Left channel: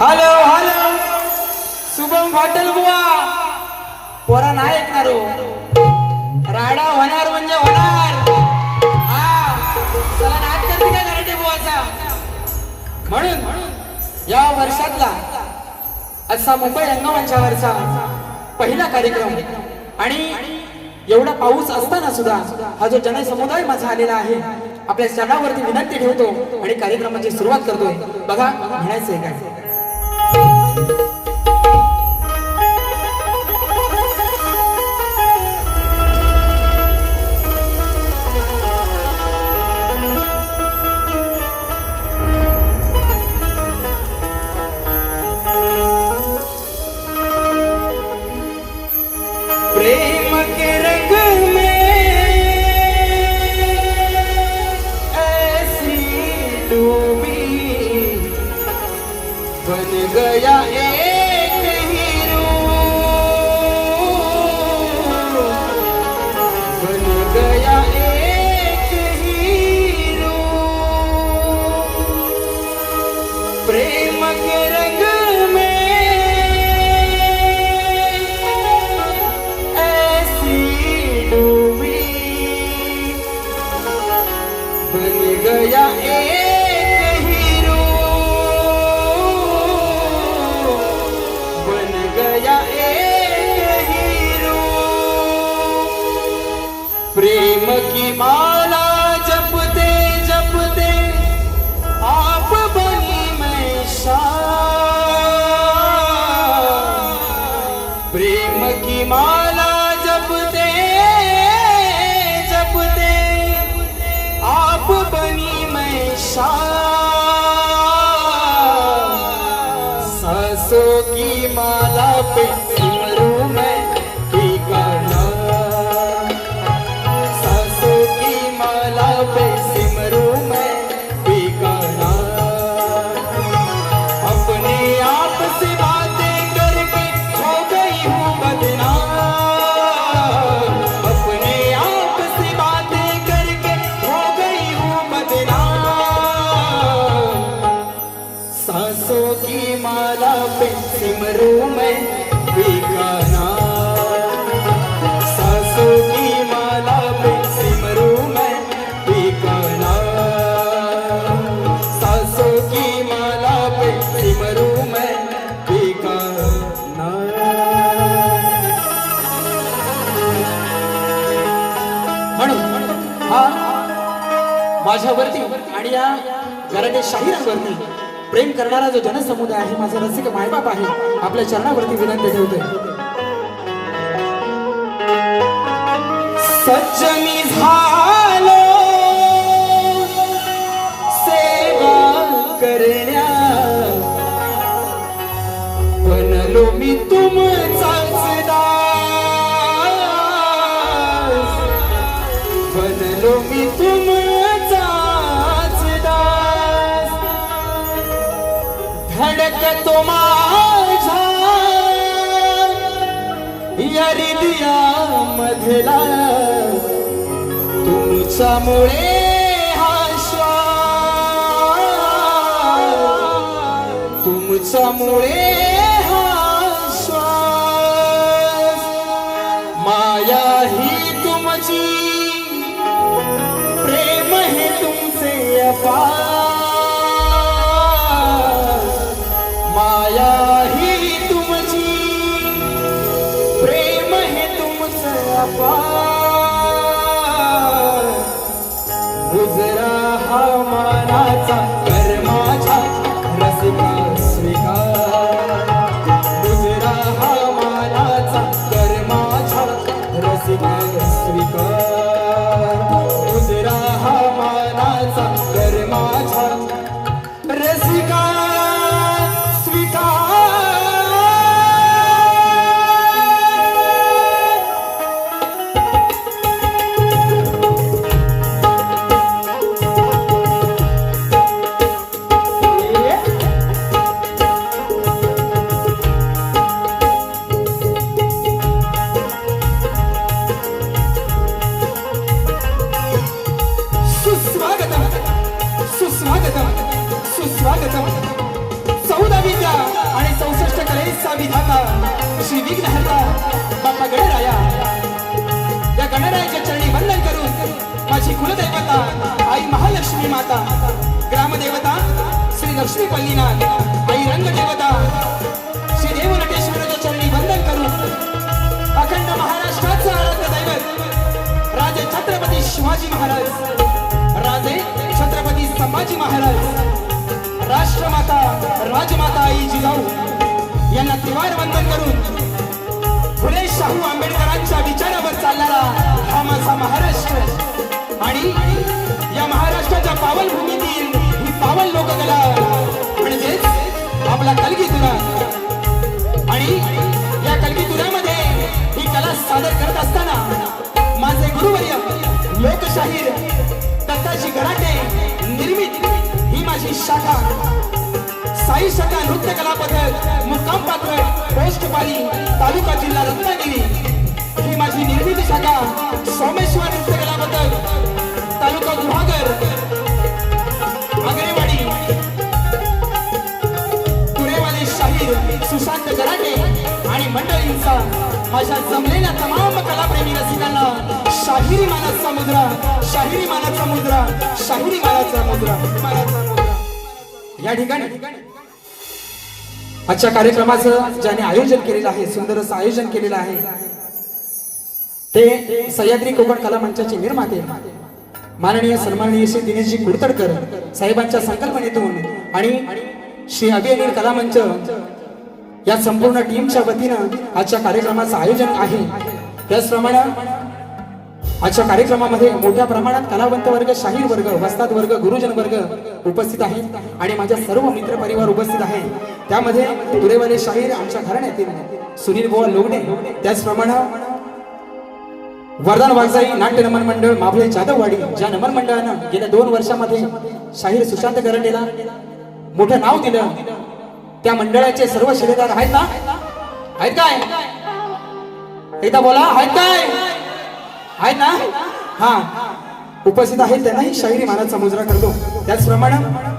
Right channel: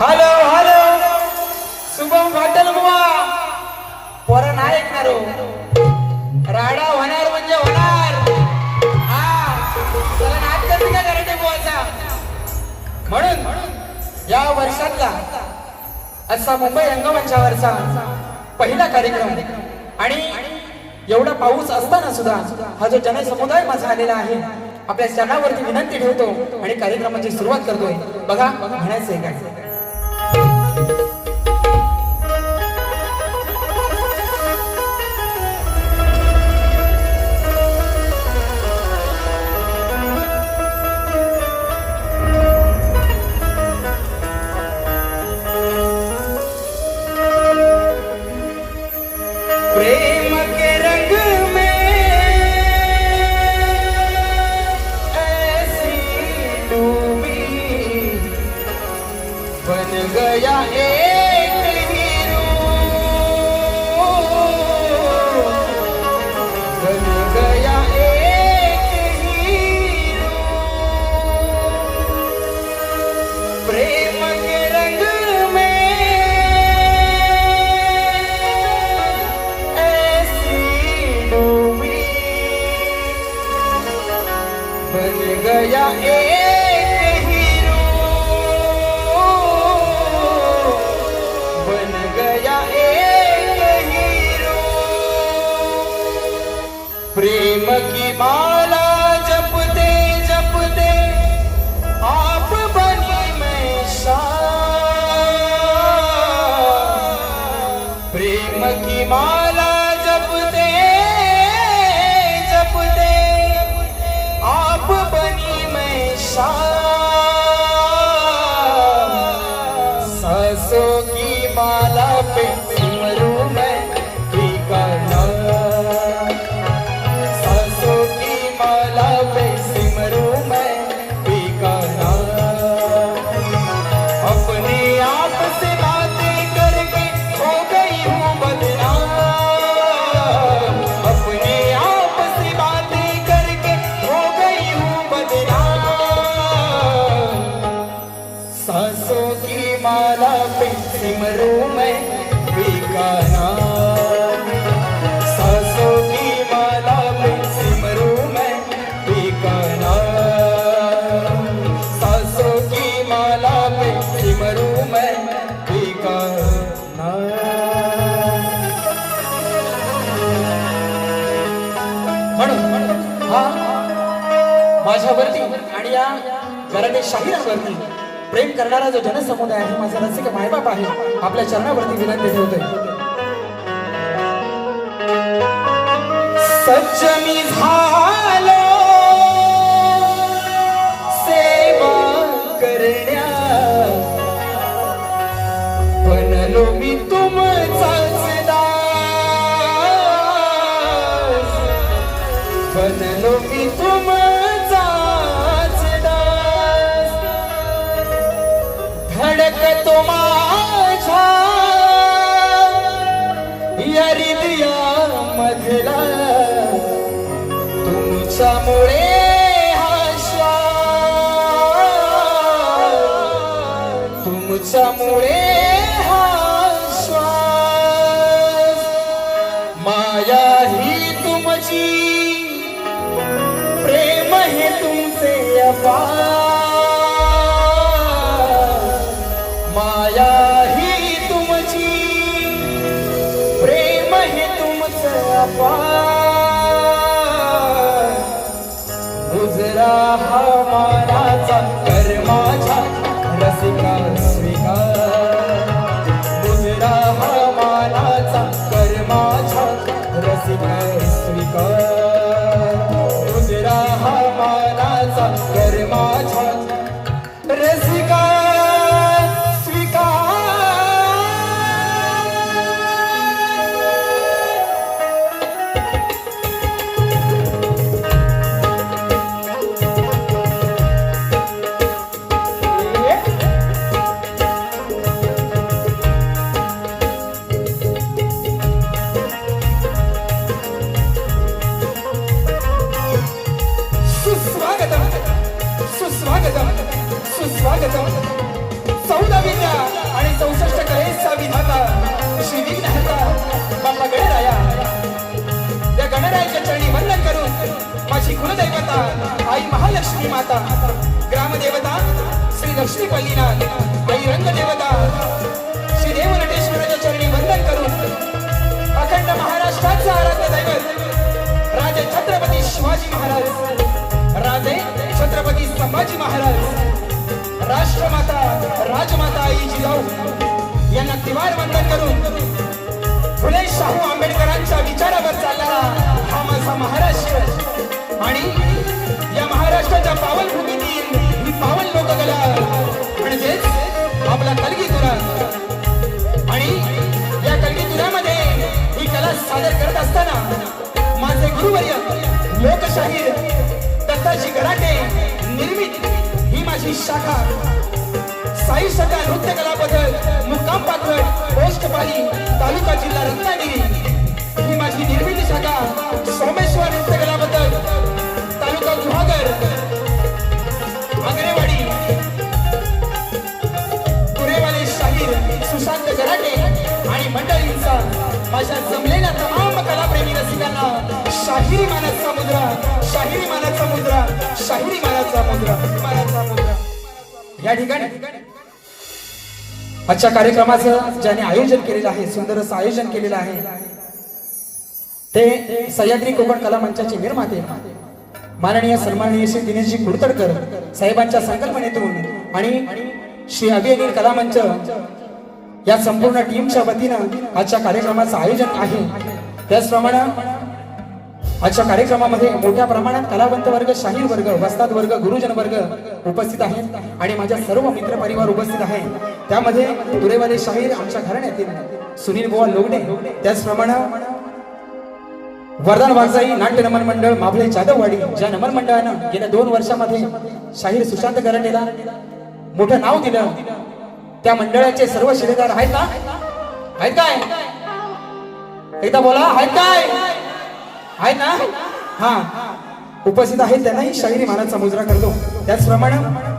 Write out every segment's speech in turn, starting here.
Hello hello Shubham Patil बुवा पोरा नाही ऐकणार राडा होणार म्हणजे होणार. हा चला नाट्य तुला करायचे बुवाचा म्हणून या वर्षातला असा मुंबई रंगमंचावरचा पहिला कार्यक्रम आणि एवढा पाऊस असताना सुद्धा हा जो जनसमुदाय माझा आलेला आहे आपल्या चरणावरती विनंती ठेवतो आणि कार्यक्रमाची सुरुवात करतोय. बघा म्हणायचंय काय. प्रेम के रंग में ऐसी डूबी बन गया एक हीरो बन गया एक हीरो प्रेम के रंग बन गया एक हीरो बन गया एक हीरो प्रेम की माला जपते जपते आप बनी मैं शान प्रेम की माला जपते जपते आप बनी मैं सांसों की माला पे सिमरूं मैं ठिकाना सांसों की माला पे सिमरूं मैं ठिकाना अपने आप से बातें करके हो गई हूँ बदनाम अपने आप से बातें करके हो गई हूँ बदनाम सांसों की माला पे सिमरूं मैं ठिकाना सांसों की माला पे सिमरूं मैं ठिकाना सांसों की माला पे सिमरूं मैं ठिकाना म्हणून हा माझ्यावरती आणि या घराच्या शाहिरांवरती प्रेम करणारा जो जनसमुदाय आहे माझा रसिक मायबाप आहे आपल्या चरणावरती विनंती ठेवतोय. सच मी झालो सेवा करण्या बनलो मी तुमचाच दास बनलो मी तुमचाच दास धडकतो माझ्या या हृदया मधला तुमच्यामुळे हा श्वास तुमच्यामुळे हा श्वास माया ही तुमची प्रेम हे तुमचे अपार माया ही तुमची प्रेम हे तुमचं अपार गुजरा हा मानाचा कर्माचा रसिका स्वीकार गुजरा हा मानाचा कर्माचा रसिका स्वीकार गुजरा हा मानाचा कर्माचा रसिका स्वीकार यांना तिवार वंदन करून फुले शाहू आंबेडकरांच्या विचारावर चालणारा हा माझा महाराष्ट्र आणि या महाराष्ट्राच्या पावन भूमीतील ही पावन लोककला म्हणजेच आपला कलगी तुरा आणि या कलगी तुऱ्यामध्ये ही कला सादर करत असताना माझे गुरुवर्य लोकशाहीर दत्ताजी गराटे निर्मित ही माझी शाखा साई शाखा नृत्य कला पथक मुक्काम पात्र पोस्टपाली तालुका जिल्हा रत्नागिरी ही माझी निर्मित शाखा सोमेश्वर नृत्य कला पथक तालुका गुहागर आगरेवाडी तुरेवाले शाहीर सुशांत गराटे आणि मंडळींचा माझ्या जमलेल्या तमाम कलाप्रेमी रसिकांना शाहिरी मानाचा मुद्रा शाहिरी मानाचा मुद्रा शाहिरी मानाचा मुद्रा या ठिकाणी आजच्या कार्यक्रमाचं ज्याने आयोजन केलेलं आहे सुंदर असं आयोजन केलेलं आहे ते सह्याद्री कोकण कला मंचाचे निर्माते माननीय सन्माननीय श्री दिनेशजी कुडतडकर साहेबांच्या संकल्पनेतून आणि श्री अभिनय कला मंच या संपूर्ण टीमच्या वतीनं आजच्या कार्यक्रमाचं आयोजन आहे। त्याचप्रमाणे आजच्या कार्यक्रमामध्ये मोठ्या प्रमाणात कलावंत वर्ग शाहीर वर्ग वस्ताद वर्ग गुरुजन वर्ग उपस्थित आहेत आणि माझ्या सर्व मित्र परिवार उपस्थित आहे। त्यामध्ये तुरेवाले शाहीर आमच्या घराण्यातील सुनील बुवा लोगडे त्याचप्रमाणे वर्धन वागजाई नाट्य नमन मंडळ माभळे जाधववाडी ज्या नमन मंडळानं गेल्या 2 वर्षामध्ये शाहीर सुशांत गराटेला मोठं नाव दिलं त्या मंडळाचे सर्व शिलेदार आहेत ना आहेत काय एकदा बोला आहेत काय आहेत ना हा उपस्थित आहेत त्यांनाही शाहिरी मानाचा मुजरा करतो। त्याचप्रमाणे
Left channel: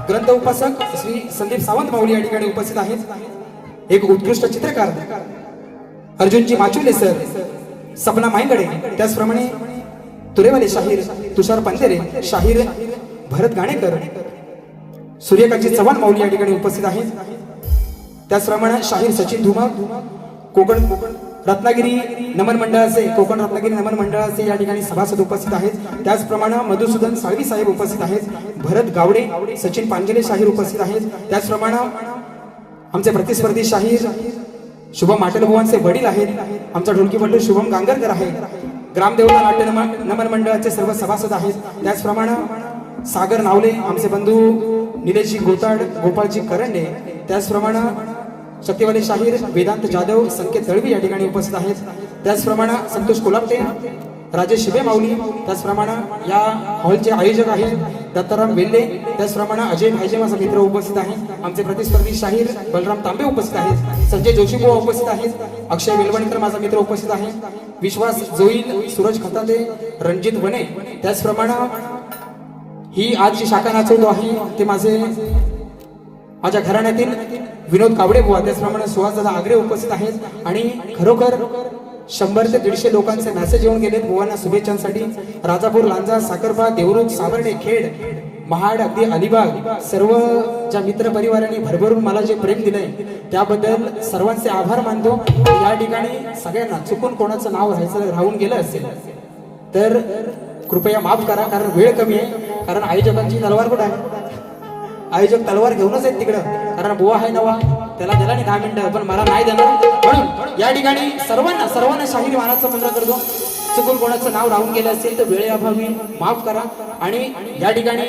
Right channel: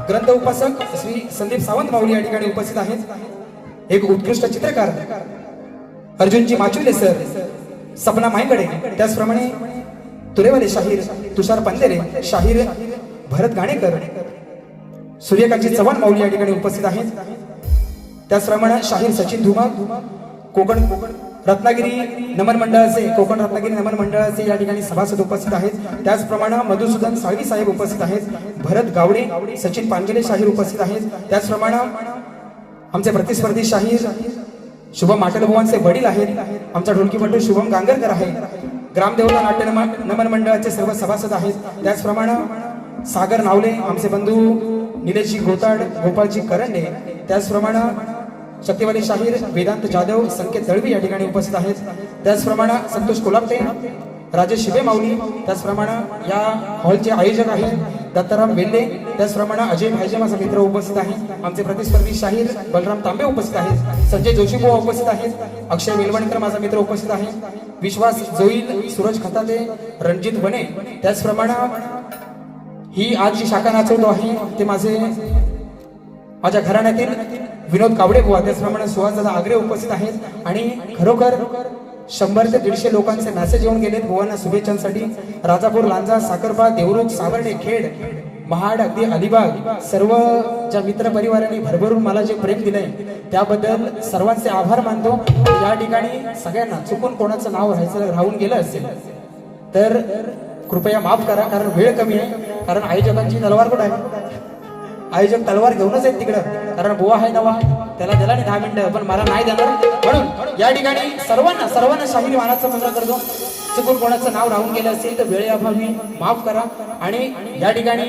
ग्रंथ उपासक श्री संदीप सावंत माऊली या ठिकाणी उपस्थित आहेत। एक उत्कृष्ट चित्रकार अर्जुनजी माचुले सर सपना माईकडे त्याचप्रमाणे तुरेवाले शाहीर तुषार पंधेरे शाहीर भरत गाणेकर सूर्यकांतजी चव्हाण माऊली या ठिकाणी उपस्थित आहेत। त्याचप्रमाणे शाहीर सचिन धुमा कोकण रत्नागिरी नमन मंडळाचे कोकण रत्नागिरी नमन मंडळाचे या ठिकाणी सभासद उपस्थित आहेत। त्याचप्रमाणे मधुसूदन साळवी साहेब उपस्थित आहेत। भरत गावडे सचिन पांजले शाहीर उपस्थित आहेत। त्याचप्रमाणे आमचे प्रतिस्पर्धी शाहीर शुभम माटलबुवांचे वडील आहेत। आमचा ढोलकीपटू शुभम गांगरकर आहे। ग्रामदेवता नाट्य नमन मंडळाचे सर्व सभासद आहेत। त्याचप्रमाणे सागर नावले आमचे बंधू निलेशजी गोताड गोपाळजी करंडे त्याचप्रमाणे शक्तिवाले शाहीर वेदांत जाधव संकेत दळवी या ठिकाणी उपस्थित आहेत। त्याचप्रमाणे संतोष कोलापटे राजेश शिबे माऊली त्याचप्रमाणे या हॉलचे आयोजक आहेत दत्ताराम वेल्ले त्याचप्रमाणे अजय भाईजे माझा मित्र उपस्थित आहे। आमचे प्रतिस्पर्धी शाहीर बलराम तांबे उपस्थित आहेत। संजय जोशीबुवा उपस्थित आहेत। अक्षय वेलवणकर माझा मित्र उपस्थित आहे। विश्वास जोईल सूरज खताले रणजित वने त्याचप्रमाणे ही आज जी शाखा नाचवतो आहे ते माझे माझ्या घराण्यातील विनोद कावडे बुवा त्याचप्रमाणे सुहासदादा आगरे उपस्थित आहेत आणि खरोखर 100 ते 150 लोकांचे मेसेज येऊन गेलेत बुवांना शुभेच्छांसाठी। राजापूर लांजा साखरपा देवरुख सावर्डे खेड महाड अगदी अलिबाग सर्व ज्या मित्र परिवारांनी भरभरून मला जे प्रेम दिलंय त्याबद्दल सर्वांचे आभार मानतो। या ठिकाणी सगळ्यांना चुकून कोणाचं नाव राहून गेलं असेल तर कृपया माफ करा कारण वेळ कमी आहे। कारण आयोजकांची तलवार कुठे आहे आयोजक तलवार घेऊनच आहेत तिकडं कारण बुवा आहे नवा त्याला दिला नाही 10 मिनिटं पण मला नाही देणार म्हणून या ठिकाणी सर्वांना शाहीर मानाचा मुजरा करतो। चुकून कोणाचं नाव राहून गेलं असेल तर वेळेअभावी माफ करा आणि या ठिकाणी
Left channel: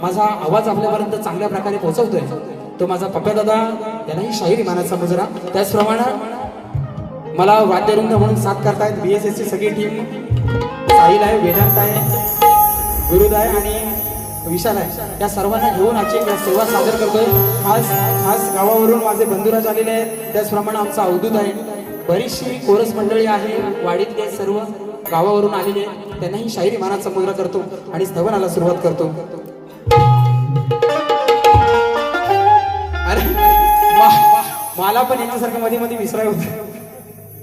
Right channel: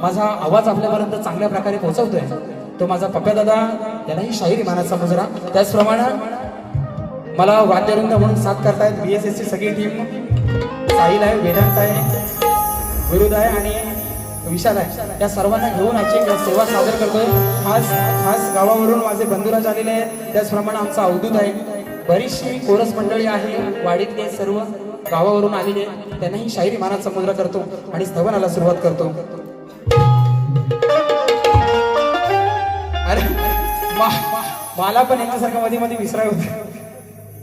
माझा आवाज आपल्यापर्यंत चांगल्या प्रकारे पोहोचवतोय तो माझा पप्पा दादा त्यालाही शाहीर मानाचा मुजरा। त्याचप्रमाणे मला वाद्यवृंद म्हणून साथ करतायत BSS ची सगळी टीम साहिल आहे वेदांत आहे गुरुद आहे आणि विशाल आहे या सर्वांना घेऊन आजची सेवा सादर करतोय। खास गावावरून माझे बंधुराज आलेले आहेत। त्याचप्रमाणे आमचा अवधूत आहे बरीचशी कोरस मंडळी आहे वाडीतले सर्व गावावरून आलेले त्यांनाही शाहिरी मानाचा मुजरा करतो आणि स्तवनाला सुरुवात करतो। अरे मला पण यांच्यासारखं मध्ये मध्ये विसराय होते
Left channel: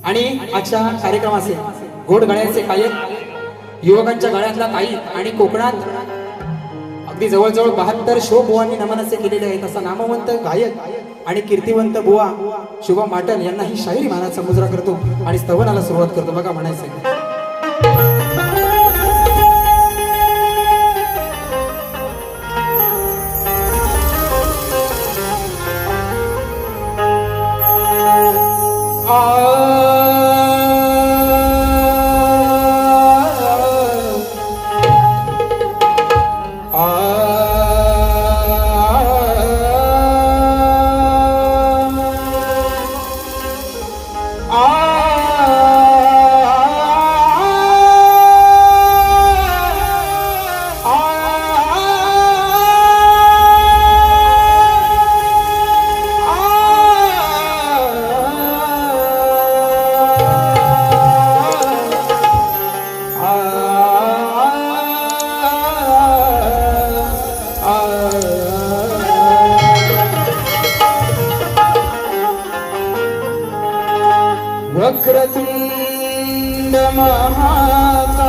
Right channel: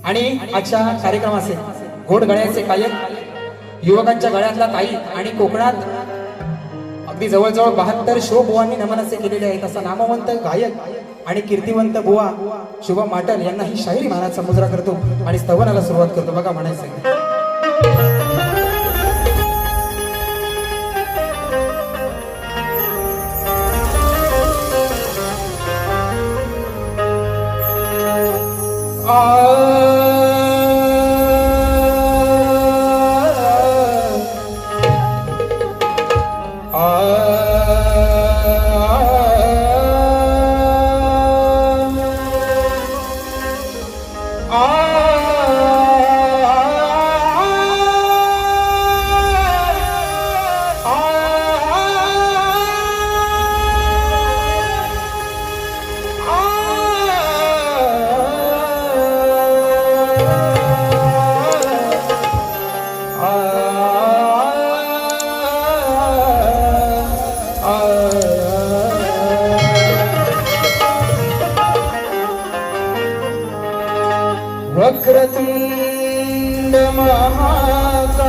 आणि आजच्या कार्यक्रमाचे गोड गळ्याचे गायक युवकांच्या गळ्यातला ताई आणि कोकणात अगदी जवळजवळ 72 शो बुवांनी नमन असे केलेले आहेत। असा नामवंत गायक आणि कीर्तिवंत बुवा शुभम माटल यांनाही शाहिरी मानाचा मुजरा करतो आणि स्तवनाला सुरुवात करतो। बघा म्हणायचं वक्रतुंड महाकाय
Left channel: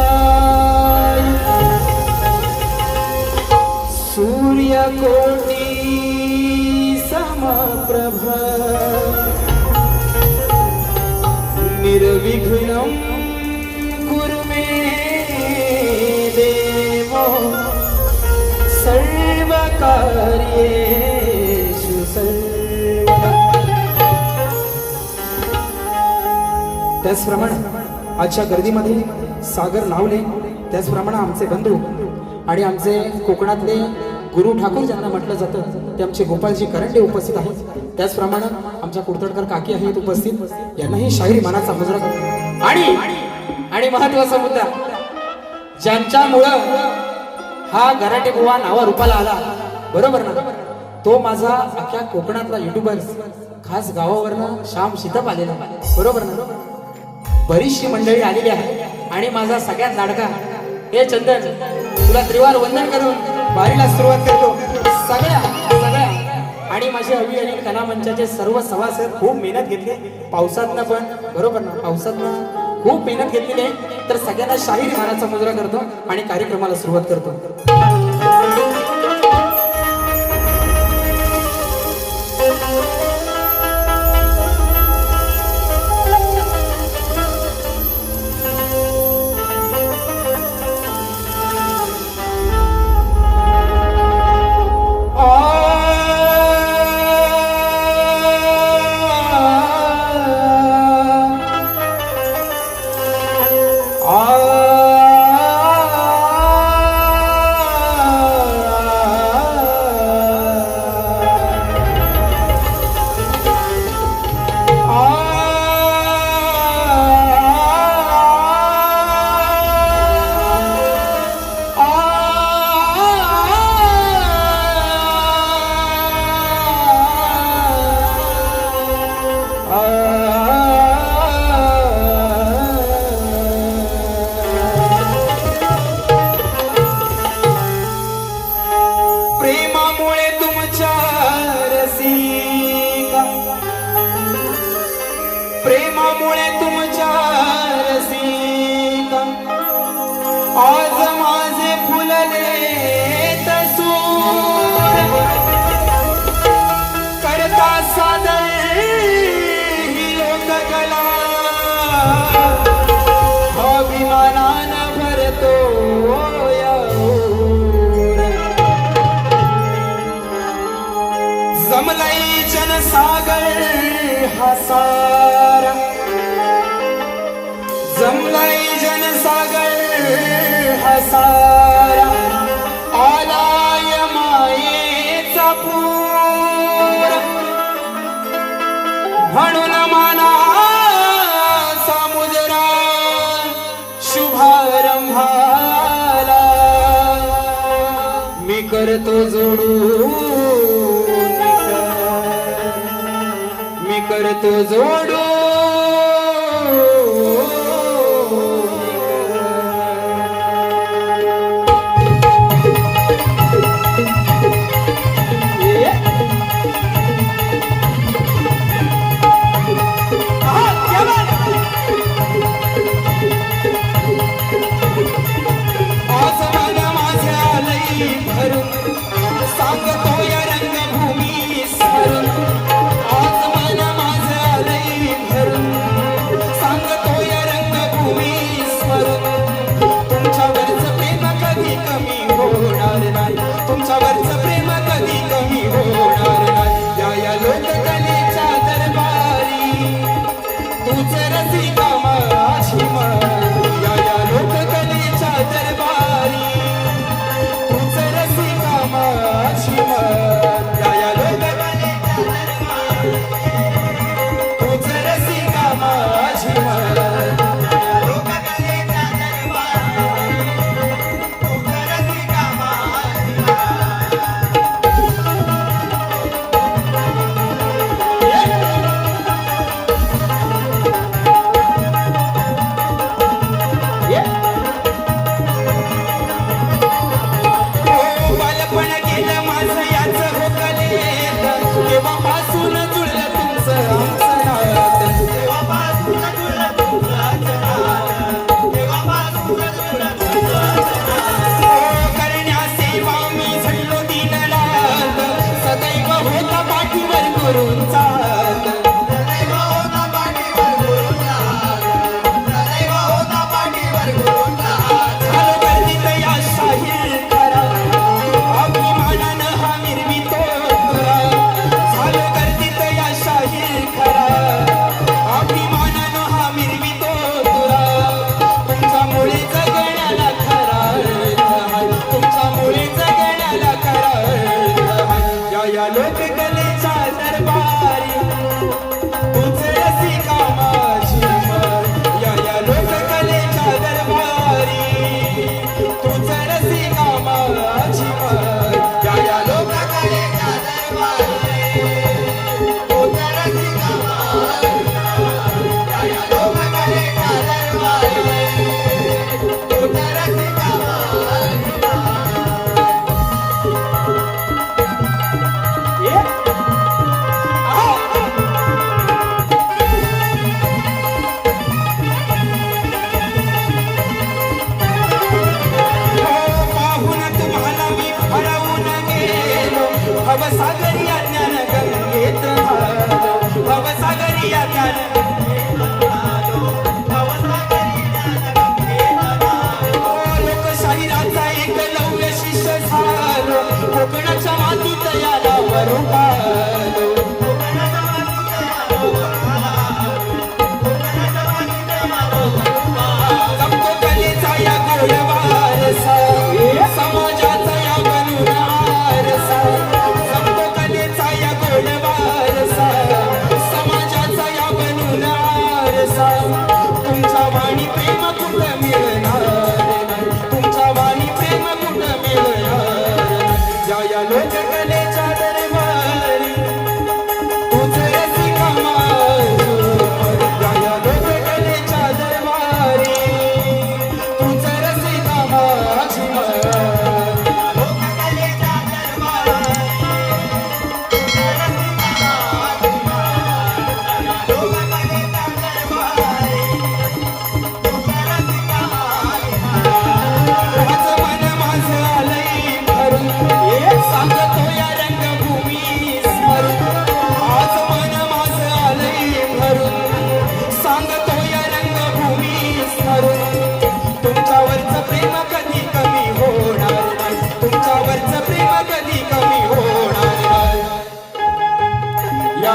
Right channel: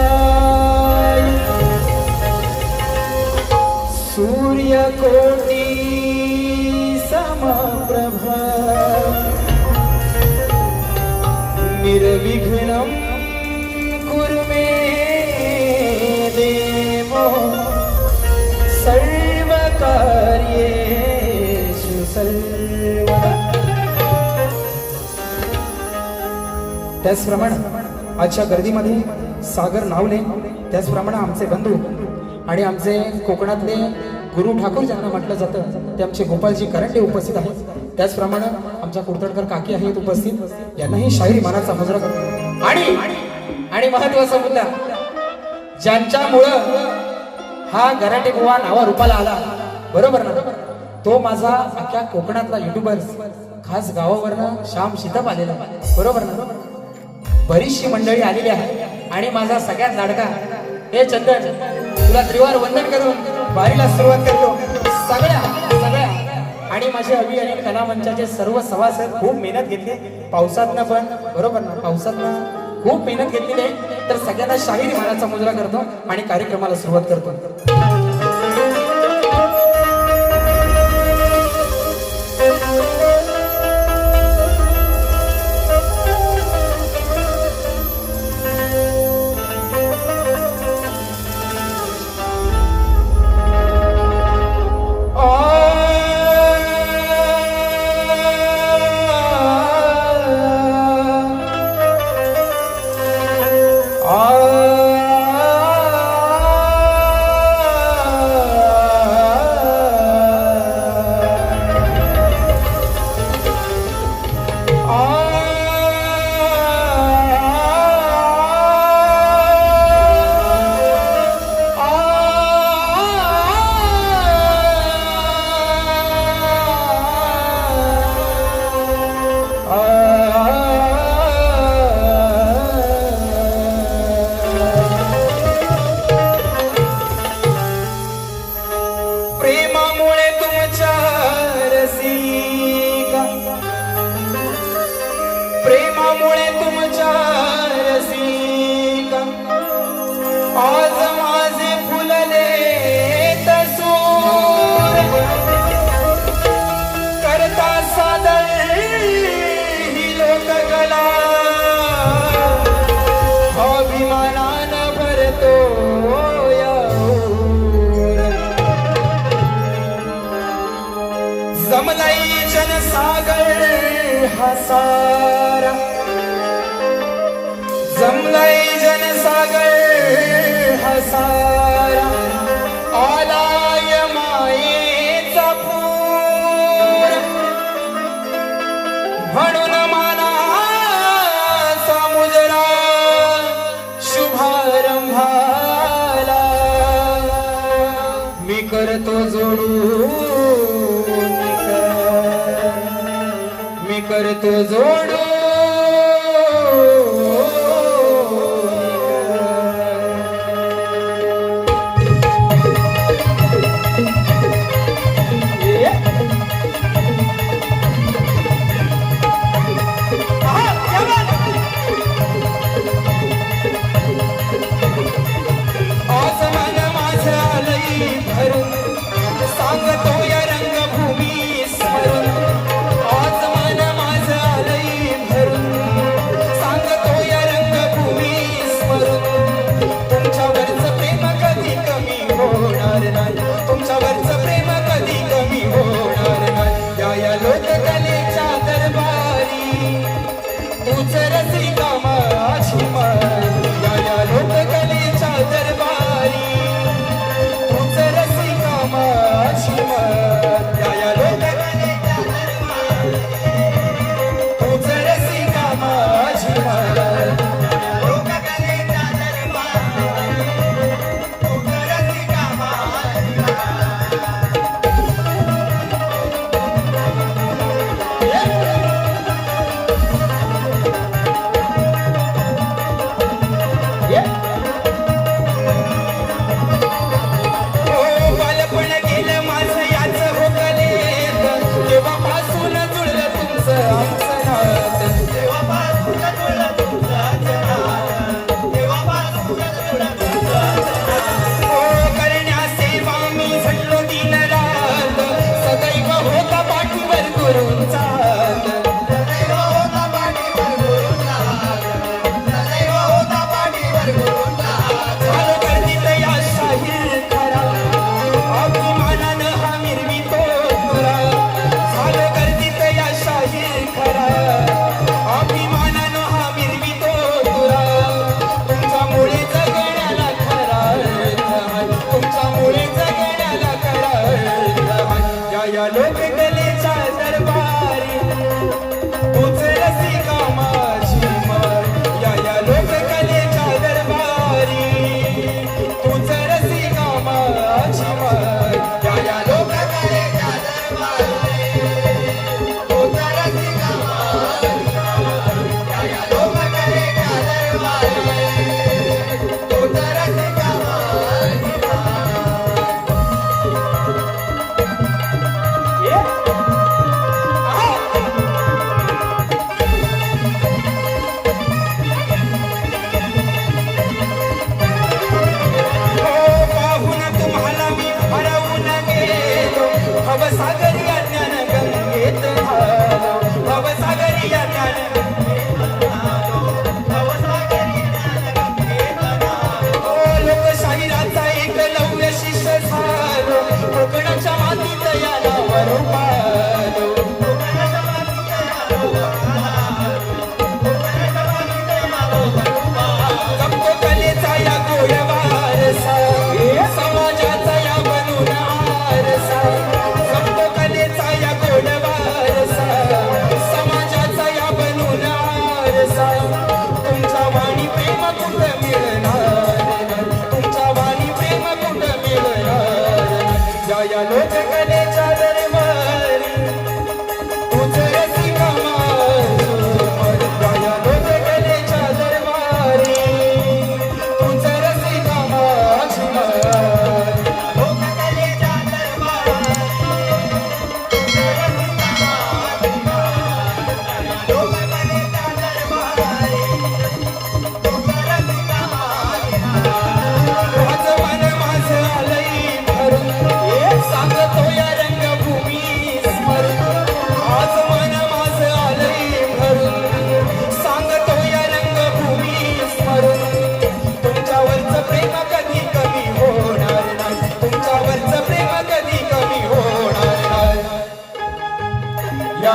सूर्यकोटि समप्रभा निर्विघ्नं कुरु मे देवो सर्वकार्येषु सर्वदा. त्याचप्रमाणे आजच्या गर्दीमध्ये सागर नावले, त्याचप्रमाणे आमचे बंधू आणि आमचे कोकणातले गुरु ठाकूर ज्यांना म्हटलं जातं ते आमचे गोपालजी करंडे उपस्थित आहेत. त्याचप्रमाणे आमच्या कुर्तडकर काकी आहेत उपस्थित, यांनाही शाहीर मानाचा मुजरा आणि महत्वाचा मुद्दा ज्यांच्यामुळं हा गराटे बुवा नावा रूपाला आला, बरोबर ना, तो माझा अख्ख्या कोकणातला युट्यूबर खास गावावरनं श्याम शितप आलेला, बरोबर ना. बरीचशी मंडळी आलेली आहे आणि माझा सगळ्यात लाडका हे चंदन, तुला त्रिवार वंदन करून वारीला सुरुवात करतो. सगळ्या आणि माझे अभियान कला मंचाचे सर्व सभासद खूप मेहनत घेतली पावसातनं पण, बरोबर ना, पावसातनं खूप मेहनत घेतलेली आहे. तर सगळ्यांना शाहीर मानाचा मुजरा करतो आणि कार्यक्रमाला सुरुवात करतो. प्रेमामुळे तुमच्या रसिका आज माझे फुलले तसूर करता सादर ही लोककला अभिमानानं भरतो जमलाई जनसागर हा सारा जमलाई जनसागर हा सारा आलाय मायेचा पूर म्हणून माना समुद्रा शुभारंभाला मी करतो जोडून मी करतो जोडो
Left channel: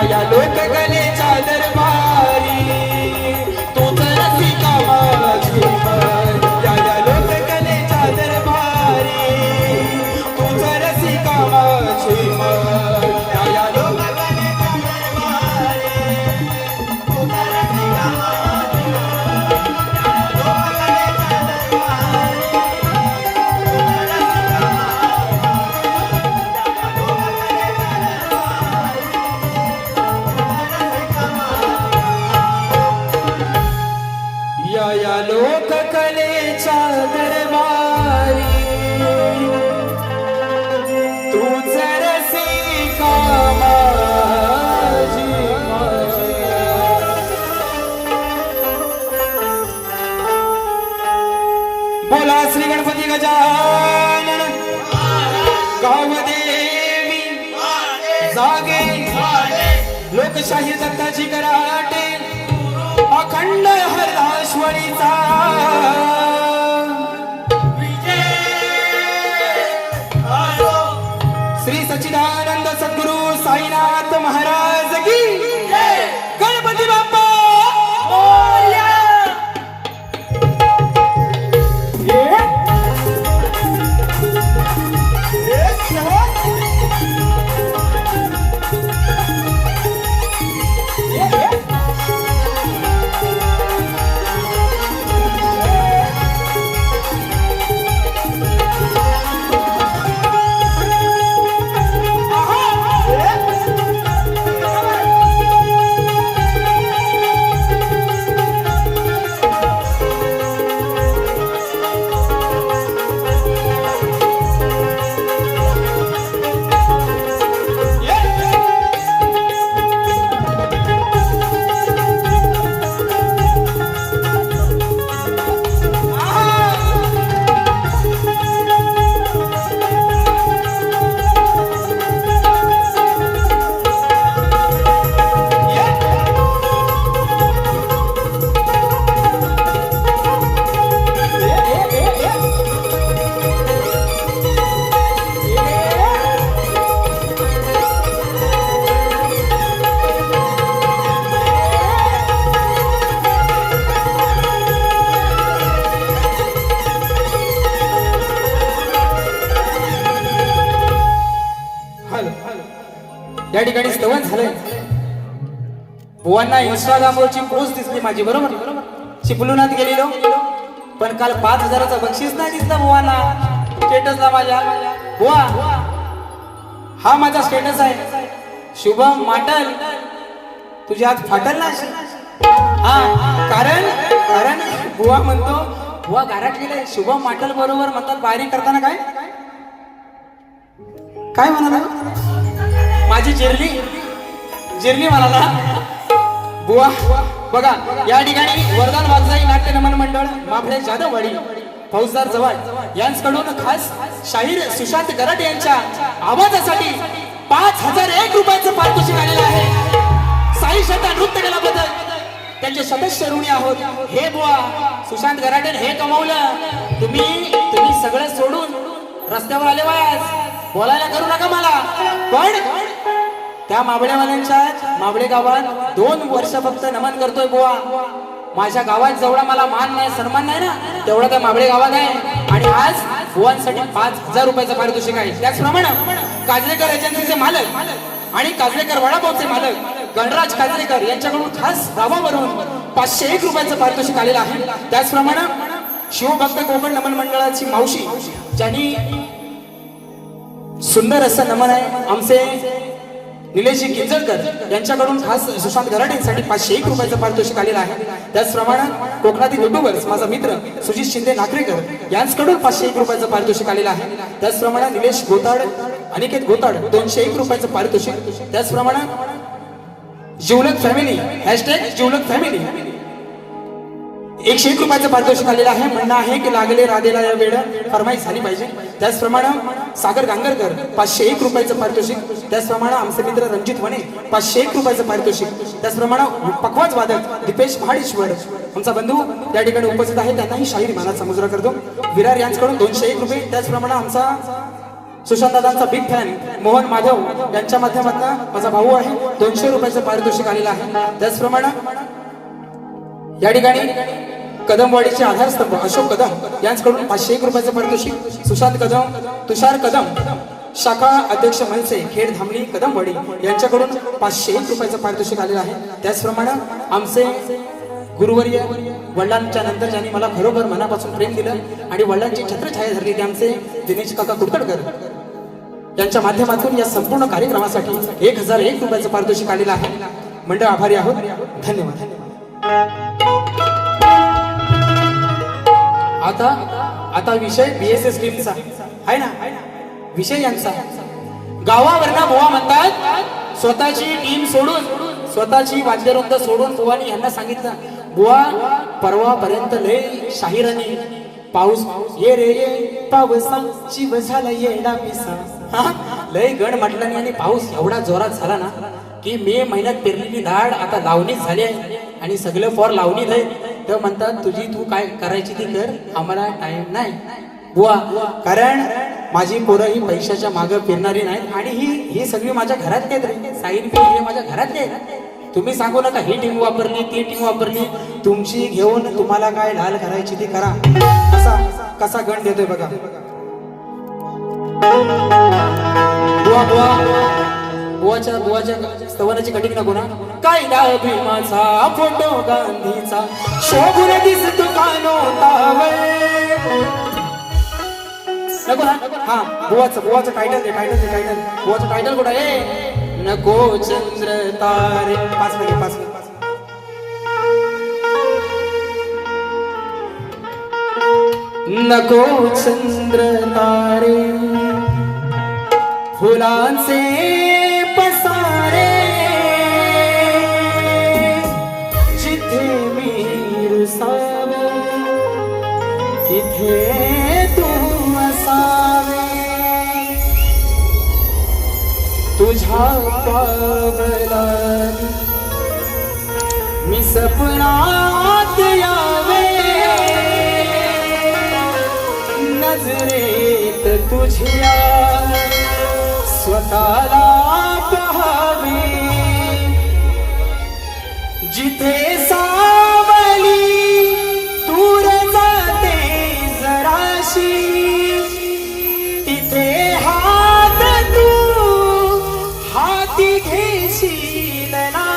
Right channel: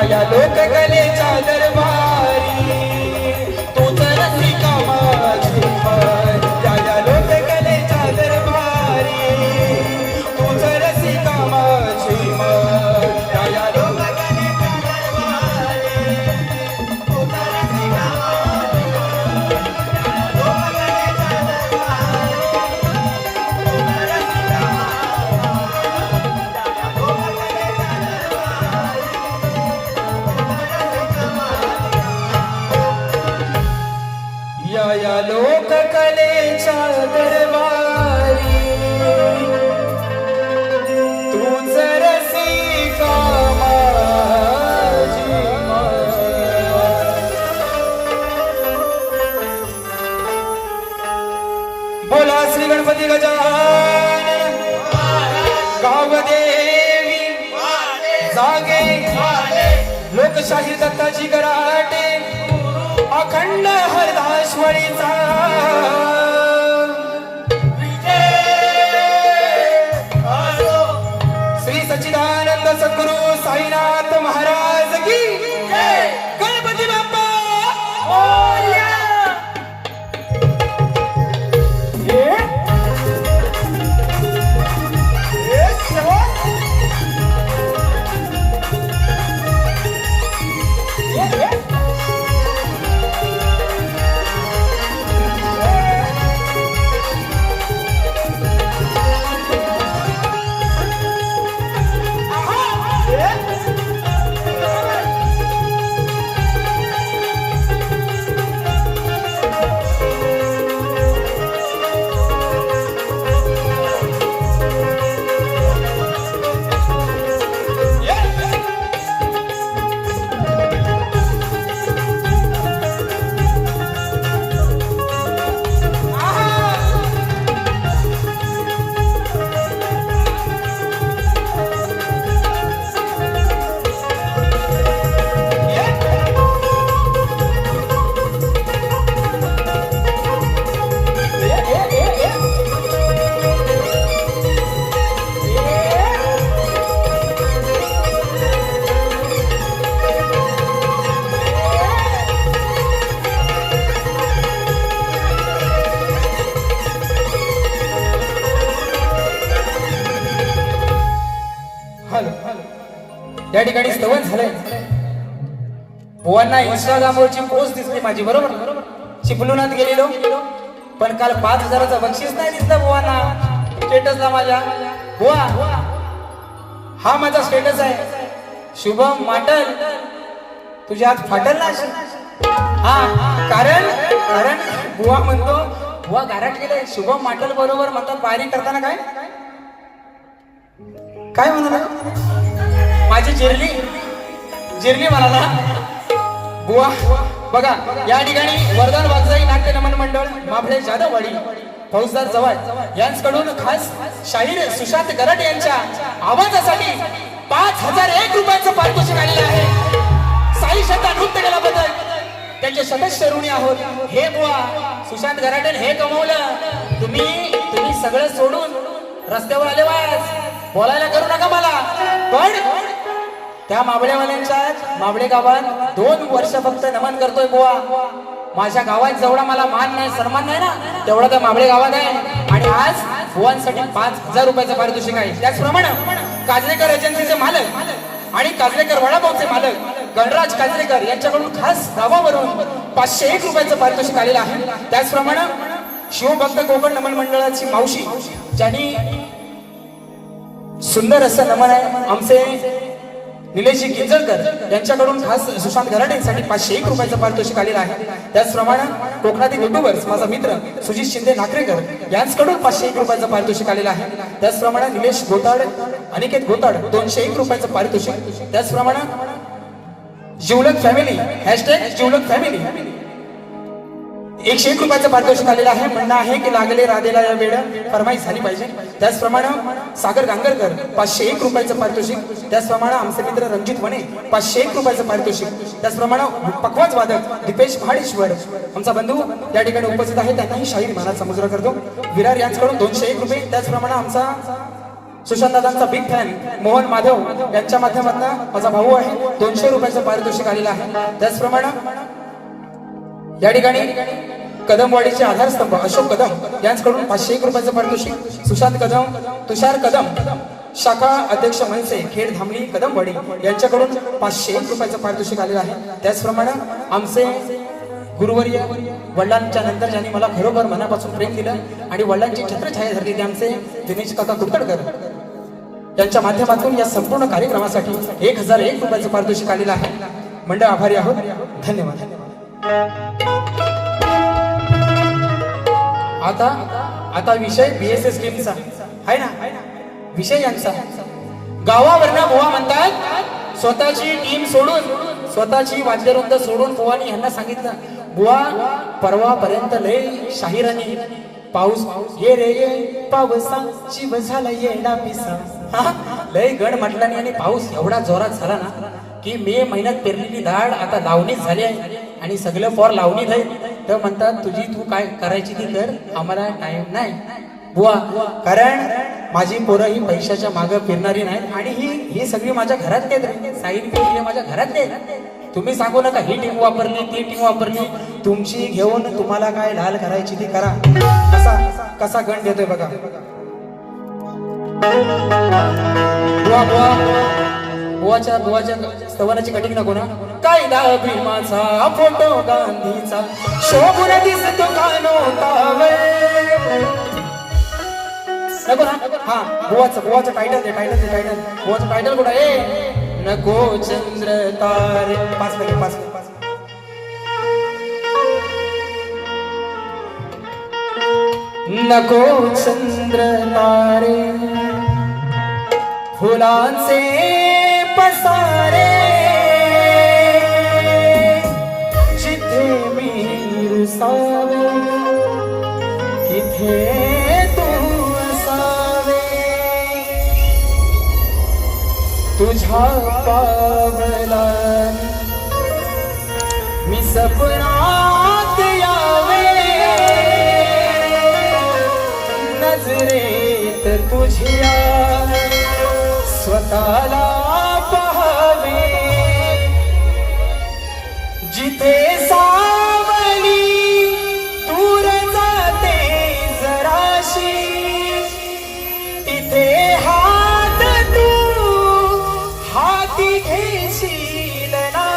या लोककलेच्या दरबारी तोच रसिका माझी मन. या लोककलेच्या दरबारी तोच रसिका माझी मन. या लोककलेच्या दरबारी तोच रसिका या लोककलेच्या दरबारी तूच रसिका माझी मन. बोला श्री गणपती गजानन गावदेवी जागे लोकशाही दत्ताची कराटे अखंड हरदाश्वरीचा श्री सच्चिदानंद सद्गुरु साईनाथ महाराज की गणपती बाप्पा मोरया. या ठिकाणी स्तवन झालंय. बुवांना इंस्टाग्रामवरची पोस्ट दिसली माझी, बरोबर चिपळुणात गेलेलो, पण काल 5,000चं बक्षीस नाही दिसलं बुवांना स्टेटसला माझ्या. बुवा हा माझा स्टेटस आहे. शुभम माटल तुझ्या हात फाटल ना. हा कारण बुवा म्हणतो, बुवा गारट गेले शुभम माटल बरोबर म्हणतात बारी करताना काय म्हणाला माझी जिरली म्हणाला. बुवा बघा या ठिकाणी वरदान वागजाई नाट्य नमन मंडळ माफळे जाधववाडी फौजदार जवळ यांच्याकडून खास शाहीर सुशांत गराटे यांच्या आवाजासाठी 5,001 रुपयाचं पारितोषिक आलेलं आहे. साई शब्द नृत्य केल्याबद्दल त्यांचे सदस्य ऋणी आहोत. हे बुवा सुशांत गराटे हे कमवलं. तुम्ही सगळं सोडून रस्त्यावर आले वाज बोलायला करू नका मला. पण त्या माबडे गावात 2 वर्ष फक्त नमन करतोय बुवा. माझ्या गावात जेवढा मला मान नाही सन्मान नाही ना तेवढा त्या माबडे गावात आहे. आणि आज बुवांसाठी 5,000 रुपयाचं पारितोषिक आहे. त्याचप्रमाणे काजलेकर एजन्सीचे मालक आणि काजलेकर वडापावचे मालक गणराज काजलेकर यांच्याकडून खास गावावरून 501 रुपयाचं पारितोषिक आलेलं आहे. त्याचप्रमाणे शिवभक्त कोकण नमन मंडळाची मावशी ज्यांनी सुंदर असं नमन आहे आमचे निलेशजी किंजळकर यांच्याकडून खास सुशांत गराटेंसाठी 501 रुपयाचं पारितोषिक आलेलं आहे. त्याचप्रमाणे कोकणातील युट्यूबर्स माझा मित्र सुजित शिंदे नाकरेकर यांच्याकडून 501 रुपयाचं पारितोषिक आलेलं आहे. त्याचप्रमाणे निलेश गोताड अनिकेत गोताड 201 रुपयाचं पारितोषिक. त्याचप्रमाणे जिवलग फॅमिली हॅशटॅग जिवलग फॅमिली 101 रुपयाचं पारितोषिक आलेलं आहे. म्हणणं आहे की लागले राधेला या वेळ फरमाईश झाली पाहिजे. त्याचप्रमाणे सागर गांगरकर 501 रुपयाचं पारितोषिक. त्याचप्रमाणे आमचे मित्र रणजित वने 501 रुपयाचं पारितोषिक. त्याचप्रमाणे पखवाज वादक दीपेश महाडेश्वर आमचा बंधू या ठिकाणी उपस्थित आहे. त्यांनाही शाहीर मानाचा मुजरा करतो. विरार यांच्याकडून 201 रुपये. त्याचप्रमाणे आमचा सुशांत दादांचा बिग फॅन मोहन माधव यांच्या माध्यमातून माझा भाऊ आहे 200 रुपयाचं पारितोषिक आलेलं आहे. त्याचप्रमाणे या ठिकाणी कदमवाडीचे आधारस्तंभ अशोक कदम यांच्याकडून 501 रुपयाचं पारितोषिक. सुशांत कदम तुषार कदम शाखा अध्यक्ष मनसे खेड धामणी कदमवाडी यांच्याकडून 501 रुपयाचं पारितोषिक आलेलं आहे. त्याचप्रमाणे आमचे गुरुवर्य वडिलांच्या नंतर ज्यांनी मला खरोखर मनापासून प्रेम दिलं आणि वडिलांची छत्रछाया धरली ते आमचे दिनेश काका कुडकडकर यांच्या माध्यमातून या संपूर्ण कार्यक्रमासाठी 1001 रुपयाचं पारितोषिक आलेलं आहे. मंडळ आभारी आहोत. धन्यवाद. आता विषय बीएसएस टीमचा आहे ना. विषय यांचा गावावरना बुवा म्हणतात स्वतःची टीम सोडून स्वतःची वाद्यवृंद सोडून बुवानी यांना सांगितलं बुवा परवापर्यंत लय शाहिरांनी पाऊस ये रे ये पावसाची झालं येडा पिसा लय गड म्हटल्याने आणि पाऊस एवढा जोरात झाला ना की मे महिन्यात पेरलेली डाळ आता लावणीच झाली आहे आणि सगळं फॉर लावणी नाही. तर म्हणतात तुझी तू काय करायची ती कर आम्हाला टाइम नाही बुवा. कारण माझी पोरं ही पैशाच्या मागे फिरणारी नाही आणि ही सगळी माझ्या घरात आहेत. साईड हे माझ्या घरात आहेत. तुम्ही सांगू नका ही टीम वापरली ती टीम वापरली. तुमची घेऊन तुम्हाला काय लाल करायची ती करा. कसा गण देतोय बघा. बुवाच्या स्तवनाची कटिंग नको ना. काय भीमाचा फोटो गांधीचा शोभून दिसतो काय नव्हता हा बुवाचं टायटल दे बुवाचं टायटल कुठं आहे. नको चंद्र तारे 5 मिनिट नको चंद्र तारे फुलांचे पसारे जिथे मी रुसावे तिथे तू असावे. तुझ्या पावला मी सपनात यावे नजरेत तुझ्या स्वतःला पाहावे. जिथे सावली दूर जाते जराशी तिथे हात तू हाती घेशील ना.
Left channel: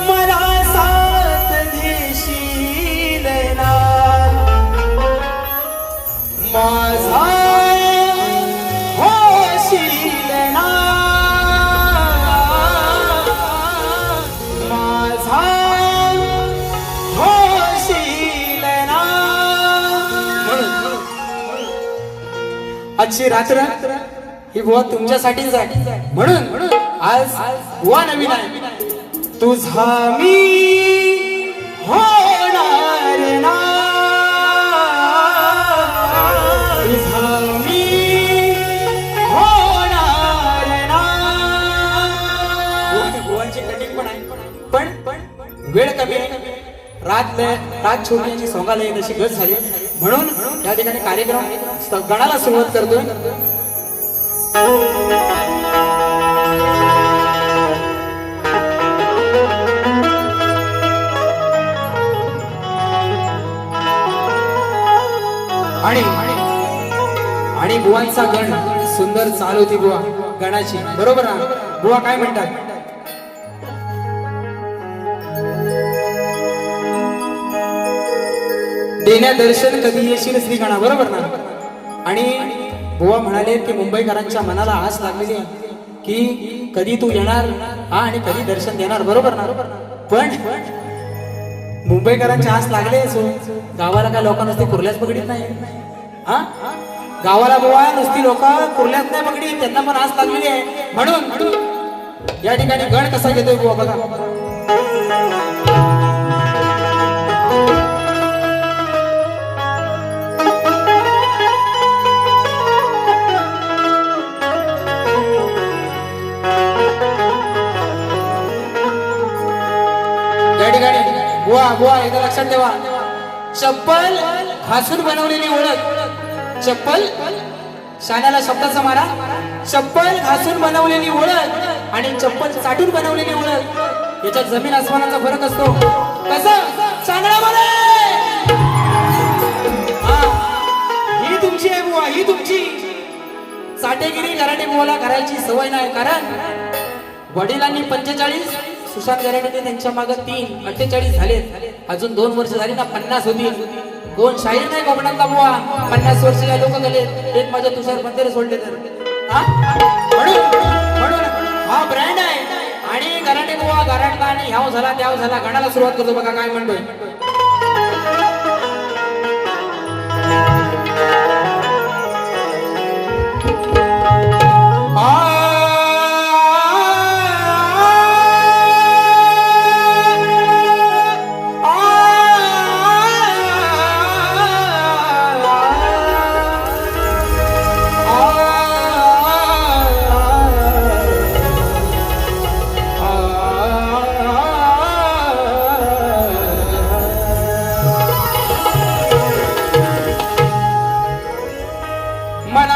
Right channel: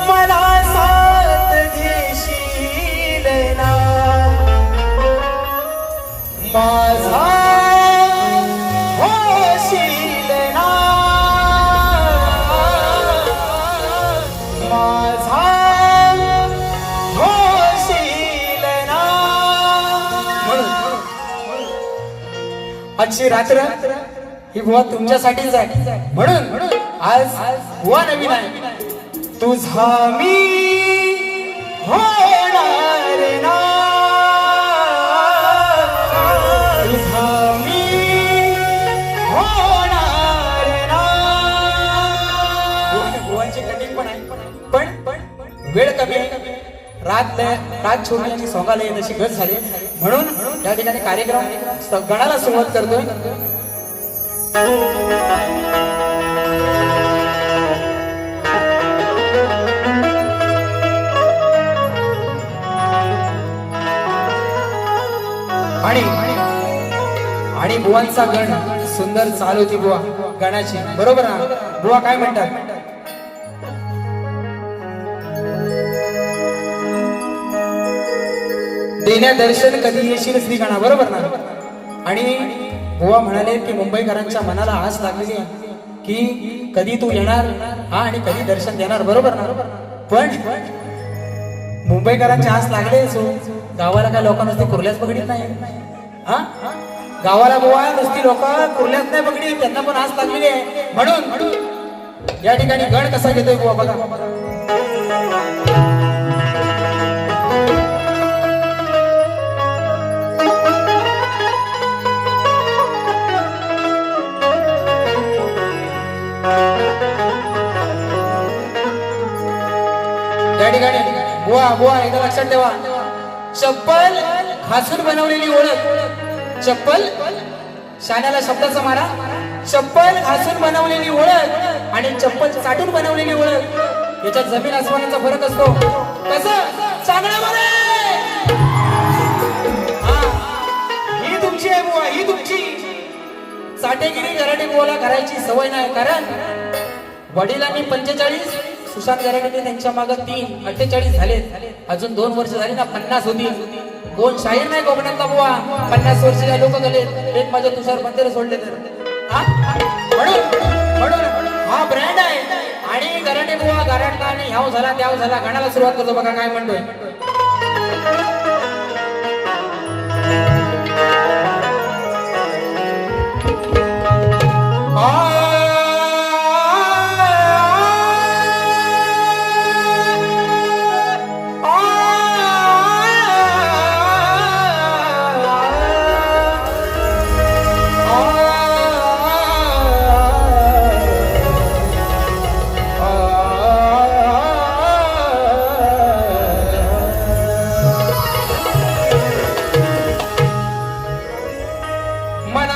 मला साथ घेशील ना. माझा होशील ना. माझा होशील ना. आजची रात्र ही बुवा तुमच्यासाठीच आहे. म्हणून आज बुवा नवीन आहे. तुझा मी होणार ना. तुझा मी होणार ना. बुवाची कटिंग पण आहे पण वेळ कमी आहे. रात छोटी सोंगाला तशी गत झाली म्हणून या ठिकाणी कार्यक्रम गणाला सुरुवात करतोय. आणि बुवांचा गण सुंदर चालू होती बुवा गणाची. बरोबर ना. बुवा काय म्हणतात. देण्या दर्शन कधी येशील श्री गणा. बरोबर ना. आणि बुवा म्हणाले की मुंबईकरांच्या मनाला आस लागलेली आहे की कधी तू येणार आणि कधी दर्शन देणार. बरोबर ना. पण मुंबईकरांची आस लागले गावाला काय लोकांना ते कुर्ल्याच पकडीत नाही. गावाला बुवा नुसती लोक कुर्ल्यात नाही पकडीत त्यांना पण आस लागलेली आहे. म्हणून या ठिकाणी गण कसा घेतोय बुवा बघा. या ठिकाणी बुवा बुवा एकदा लक्षात ठेवा, चप्पल घासून बनवलेली ओळख. चप्पल शाण्याला शब्दाचा मारा. चप्पल घासून बनवलेली ओळख आणि चप्पल चाटून बनवलेली ओळख याच्यात जमीन आसमानाचा फरक असतो. कसं चांगल्यामध्ये ही तुमची आहे बुवा, ही तुमची. चाटेगिरी गराटे बुवाला करायची सवय नाही, कारण वडिलांनी 45, सुशांत गराटेने त्यांच्या मागे 3, 48 झाले. अजून 2 वर्ष झाली ना 50 होतील. कोण शाहीर नाही कोकणातला बुवा. 50 वर्षाचे लोक झाले. एक माझ्या तुषार बंदरे सोडले तर म्हणून हा ब्रँड आहे. आणि गराटे बुवा गराटला आणि ह्याव झाला त्याव झाला गाण्याला सुरुवात करतो. बघा काय म्हणतोय.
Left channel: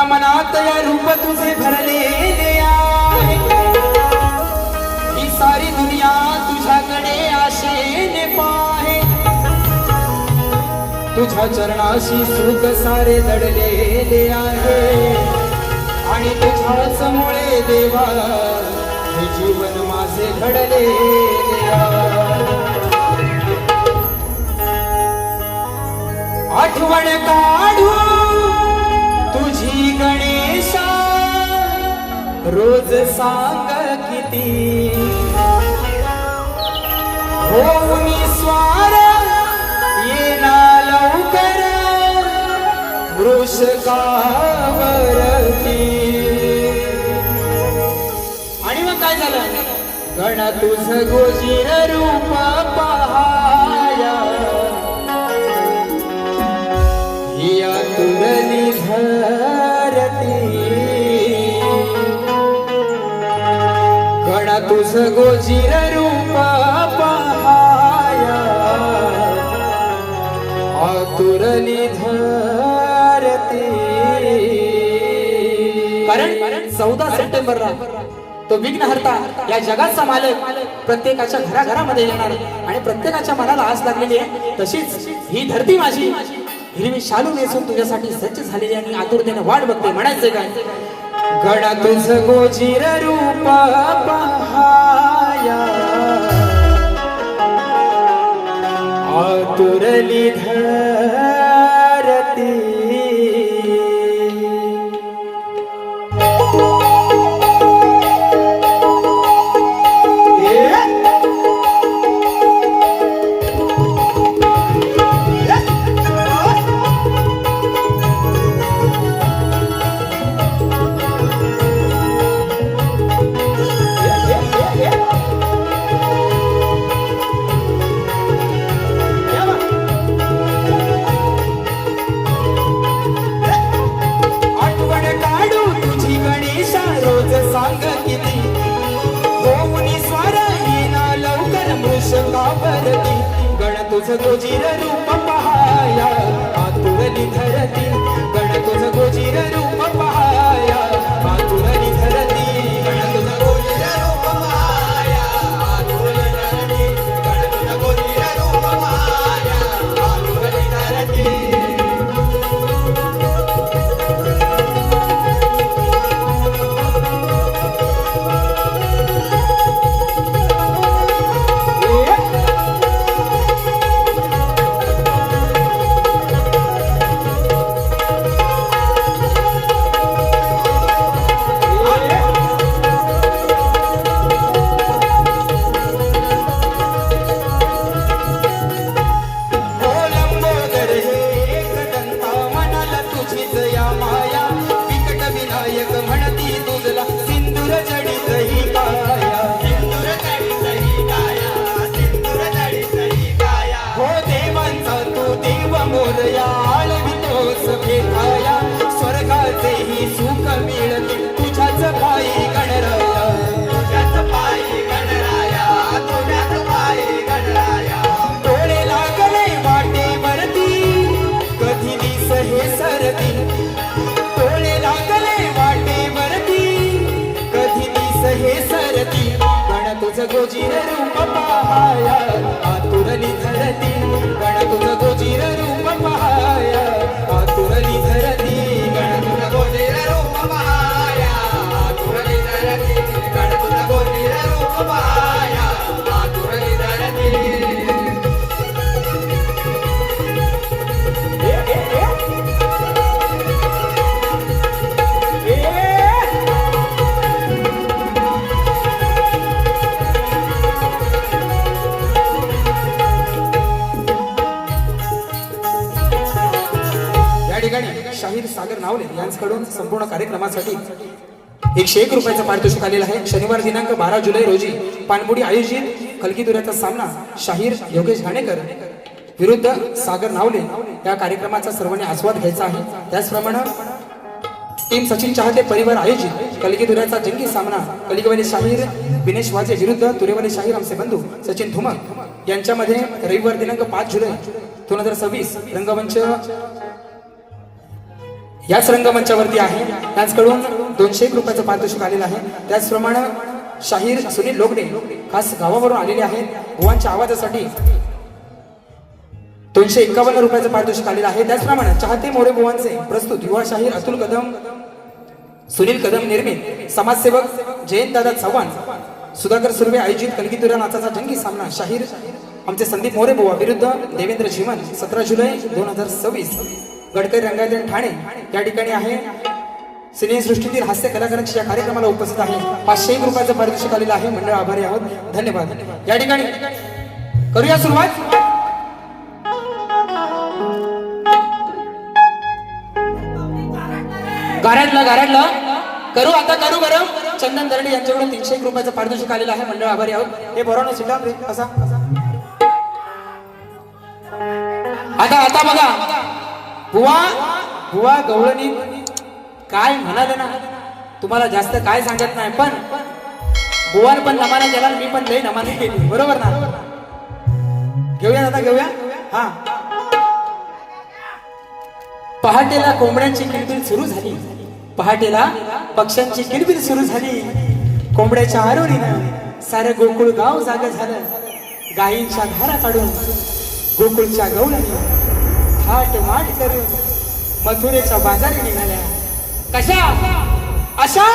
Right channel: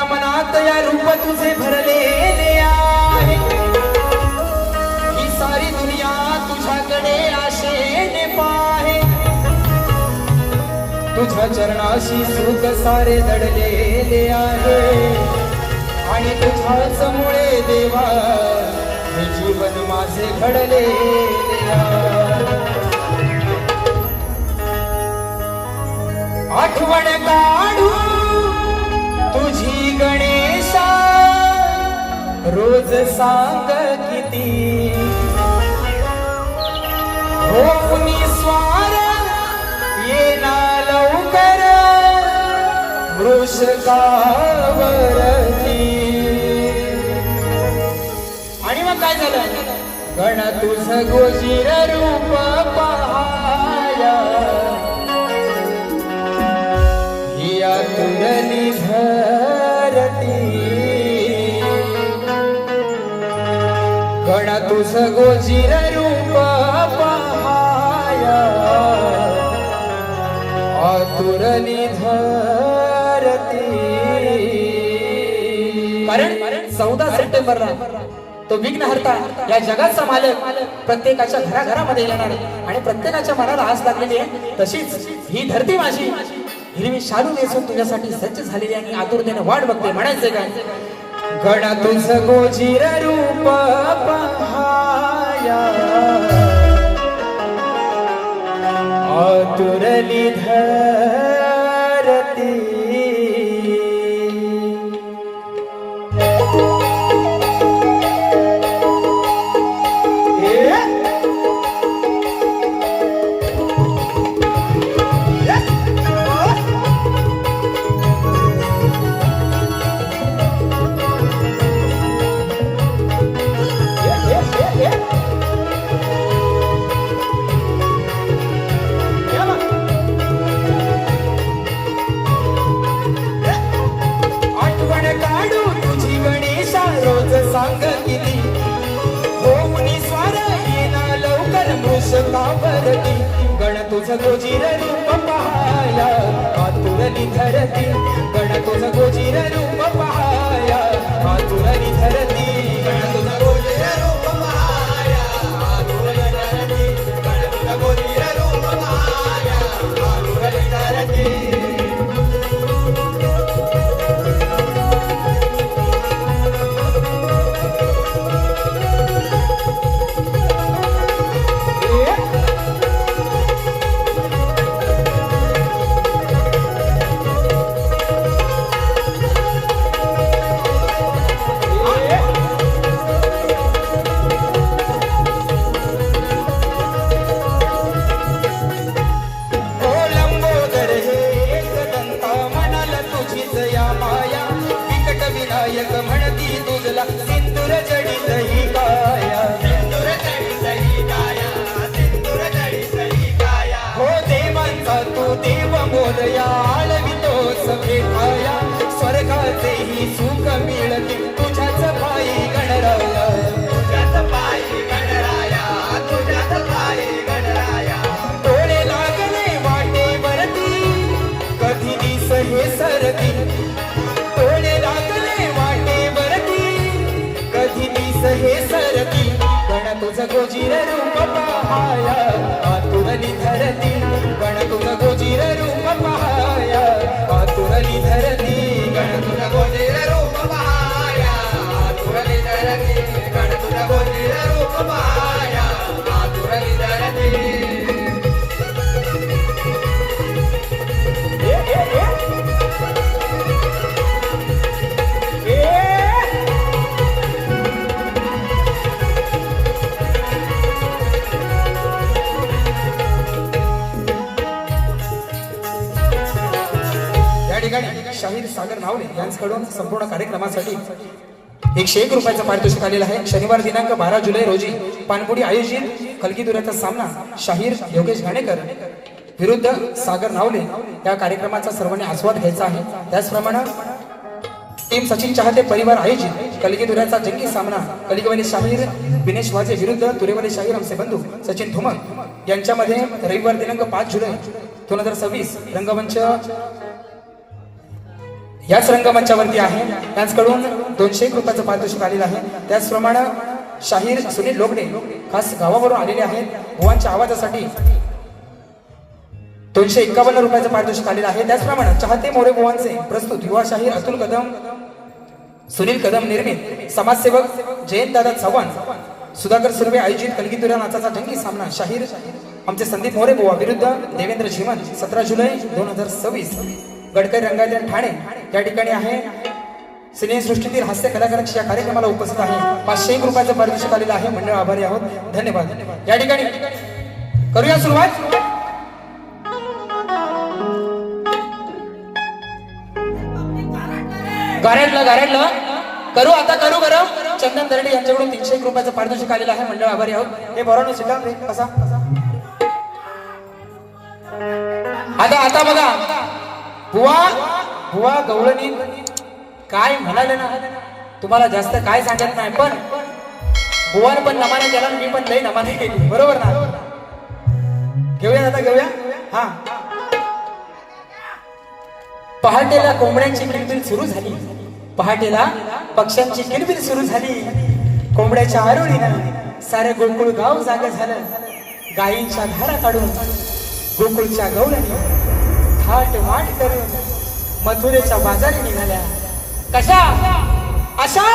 मनात या रूप तुझे भरलेले आहे. ही सारी दुनिया तुझ्याकडे आशेने पाहे. तुझ्या चरणाशी सुख सारे दडलेले आहे. आणि तुझ्याच मुळे देवा हे जीवन माझे घडलेले आहे. आठवण काढू तुझी गणेशा रोज सांग किती. होऊन स्वार येना लवकर वृषकावरती. आणि मग काय झालं. गण तुझ गोजीर रूप पहाया. या तुरली धरती. गण तुझ गोजीर रूप पहाया. आतुरली धरती. कारण 14 सप्टेंबरला तो विघ्नहर्ता या जगाचा मालक प्रत्येकाच्या घराघरामध्ये येणार आणि प्रत्येकाच्या मनाला आस लागलेली आहे. तशीच ही धरती माझी हिरवी शालू नेसून तुझ्यासाठी सज्ज झालेली आणि आतुरतेने वाट बघते. म्हणायचं काय. गण तुझ गोजीर रूप पहाया. आतुरली धरती. तुझ गोजीर रूप पहाया. आतुरली धरती. गण तुझ गोजीर रूप पहाया. आतुरली धरती. गण तुझ गोजीर रूप पहाया. आतुरली धरती. गण तुझ गोजीर रूप पहाया. आतुरली धरती. नावले यांच्याकडून संपूर्ण कार्यक्रमासाठी 101 रुपयाचं पारितोषिक आलेलं आहे. शनिवार दिनांक 12 जुलै रोजी पानपुडी आयोजित कलगीदुऱ्याचा सामना शाहीर योगेश घाणेकर विरुद्ध सागर नावले या कार्यक्रमाचा सर्वांनी आस्वाद घ्यायचा आहे. त्याचप्रमाणे टीम सचिन चाहते परिवार आयोजित कलगीदुऱ्याचा जंगी सामना कलिगवाली शाहीर विनेश वाजे विरुद्ध तुरेवाली शाहीर आमचे बंधू सचिन धुमर यांच्यामध्ये रविवार दिनांक 5 जुलै 2026 रंगमंच याच रंगमंचावरती आहे. त्यांच्याकडून 201 रुपयाचं पारितोषिक आलेलं आहे. त्याचप्रमाणे शाहीर सुनील लोकडे खास गावावरून आलेले आहेत. बुवांच्या आवाजासाठी 251 रुपयाचं पारितोषिक आलेलं आहे. त्याचप्रमाणे चाहते मोरे बुवांचे प्रस्तुत युवा शाहीर अतुल कदम सुनील कदम निर्मित समाजसेवक जयंतदादा चव्हाण सुधाकर सुर्वे आयोजित कलगीदुरा नाचाचा जंगी सामना शाहीर आमचे संदीप मोरे बुवा विरुद्ध देवेंद्र जीवन 17 जुलै 2026 गडकरी रंगायत ठाणे या ठिकाणी आहे. सिनेसृष्टीतील हास्य कलाकारांची या कार्यक्रमाला उपस्थित आहे. 501 रुपयाचं पारितोषिक आलेलं आहे. मंडळ आभारी आहोत. धन्यवाद. या ठिकाणी करूया सुरुवात. गारडला करू आता करू बरं. चंदन दर्डे यांच्याकडून 301 रुपयाचं पारितोषिक आलेलं आहे. मंडळ आभारी आहोत. हे बरोबर सुद्धा कसा आता बघा बुवा गवळणी काय म्हणाले ना तुम्हाला जास्त काय सांगत नाही पण बुवार पण नमाने केला मी पण लई नमाने केली बरोबर ना. घेऊया आता घेऊया. हा पहाटेला कोंबड्यांची किलबिल सुरू झाली. पहाटेला पक्ष्यांची किलबिल सुरू झाली. कोंबड्याच्या आरोळीनं सारे गोकुळ गाव जागे झालं. गायींच्या धारा काढून गोकुळच्या गवळणी थाट माट करून मथुरेच्या बाजारी निघाल्या. कशा अशा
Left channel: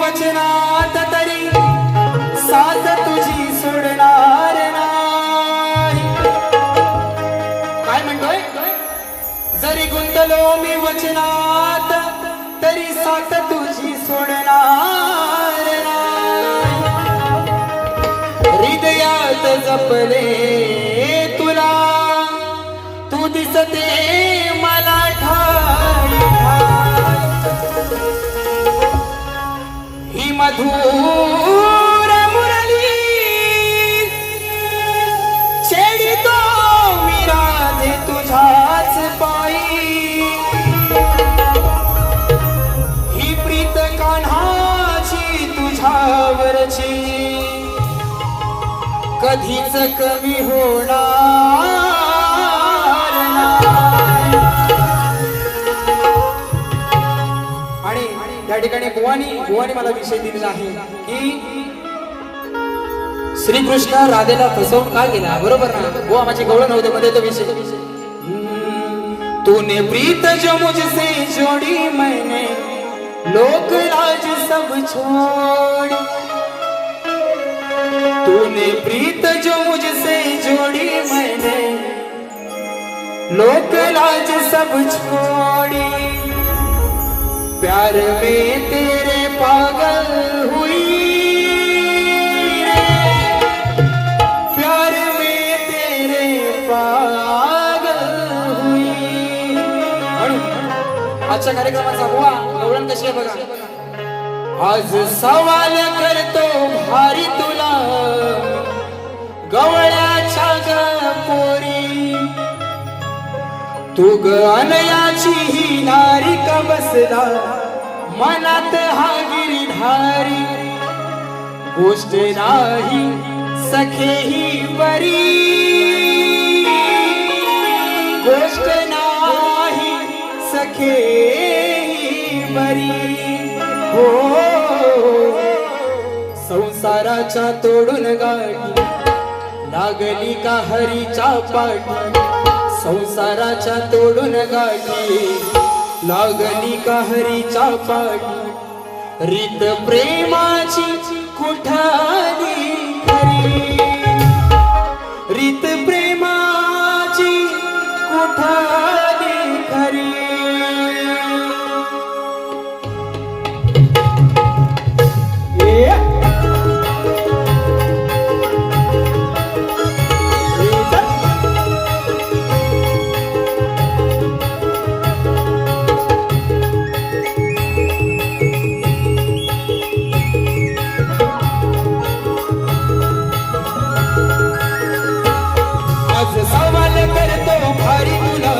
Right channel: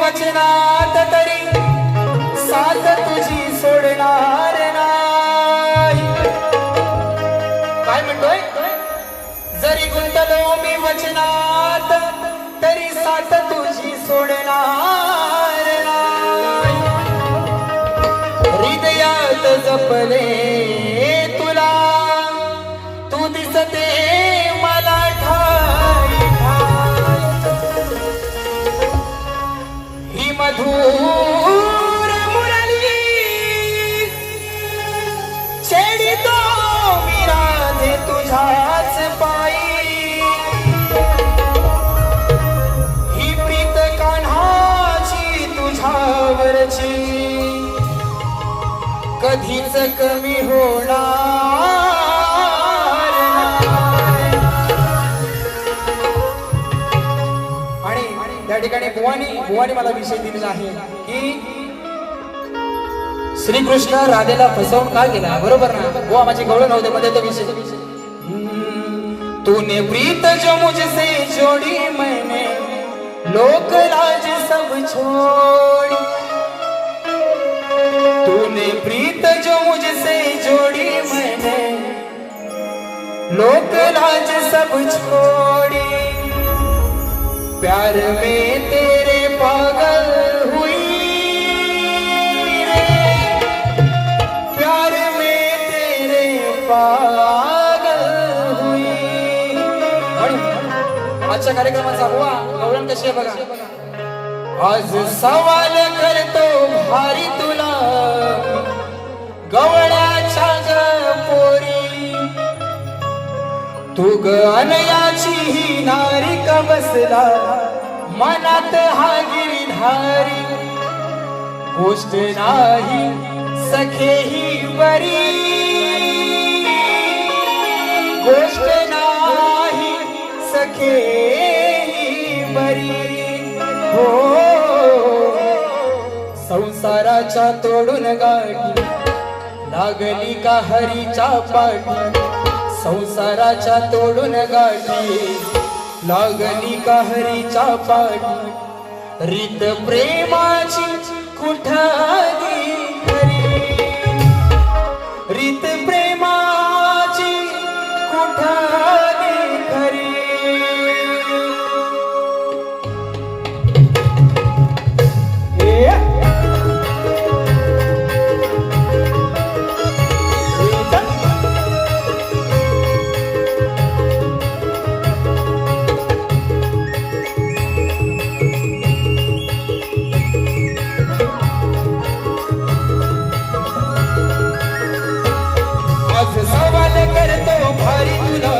वचनात तरी साथ तुझी सोडणार नाही. काय म्हणतोय जरी गुंतलो मी वचनात तरी साथ तुझी सोडणार नाही. हृदयात जपले तुला तू दिसते मला ठाई. ही मधुर मुरली छेडितो विराधे तुझ्याच पायी. ही प्रीत कान्हाची तुझ्यावरची कधीच कमी होणार. या ठिकाणी बुवानी मला विषय दिलेला आहे की श्रीकृष्ण राधेला फसवून का गेला बरोबर ना. बुवा माझे गवळ नव्हते मध्ये तो विषय तूने प्रीत जो मुझसे जोड़ी मैंने लोक लाज सब छोड़. तूने प्रीत जो मुझसे जोड़ी मैंने लोक लाज सब छोड़ी. प्यार में तेरे आजच्या कार्यक्रमाचा हुआ गवळण कशी आहे बघा. आज सवाल करतो भारी तुला गवळ्याच्या ग पोरी, तू ग अनयाची ही नारी का बसला मनात हा गिरिधारी, गोष्ट नाही सखे ही बरी, गोष्ट नाही सखे ही बरी. हो संसाराच्या तोडून गाठी लागली का हरीच्या पाठी, संसाराच्या तोडून गाठी लागली का हरीच्या पाठी, रीत प्रेमाची कुठाली खरी, रीत प्रेमाची कुठाली खरी. आज सवाल करतो भारी तुला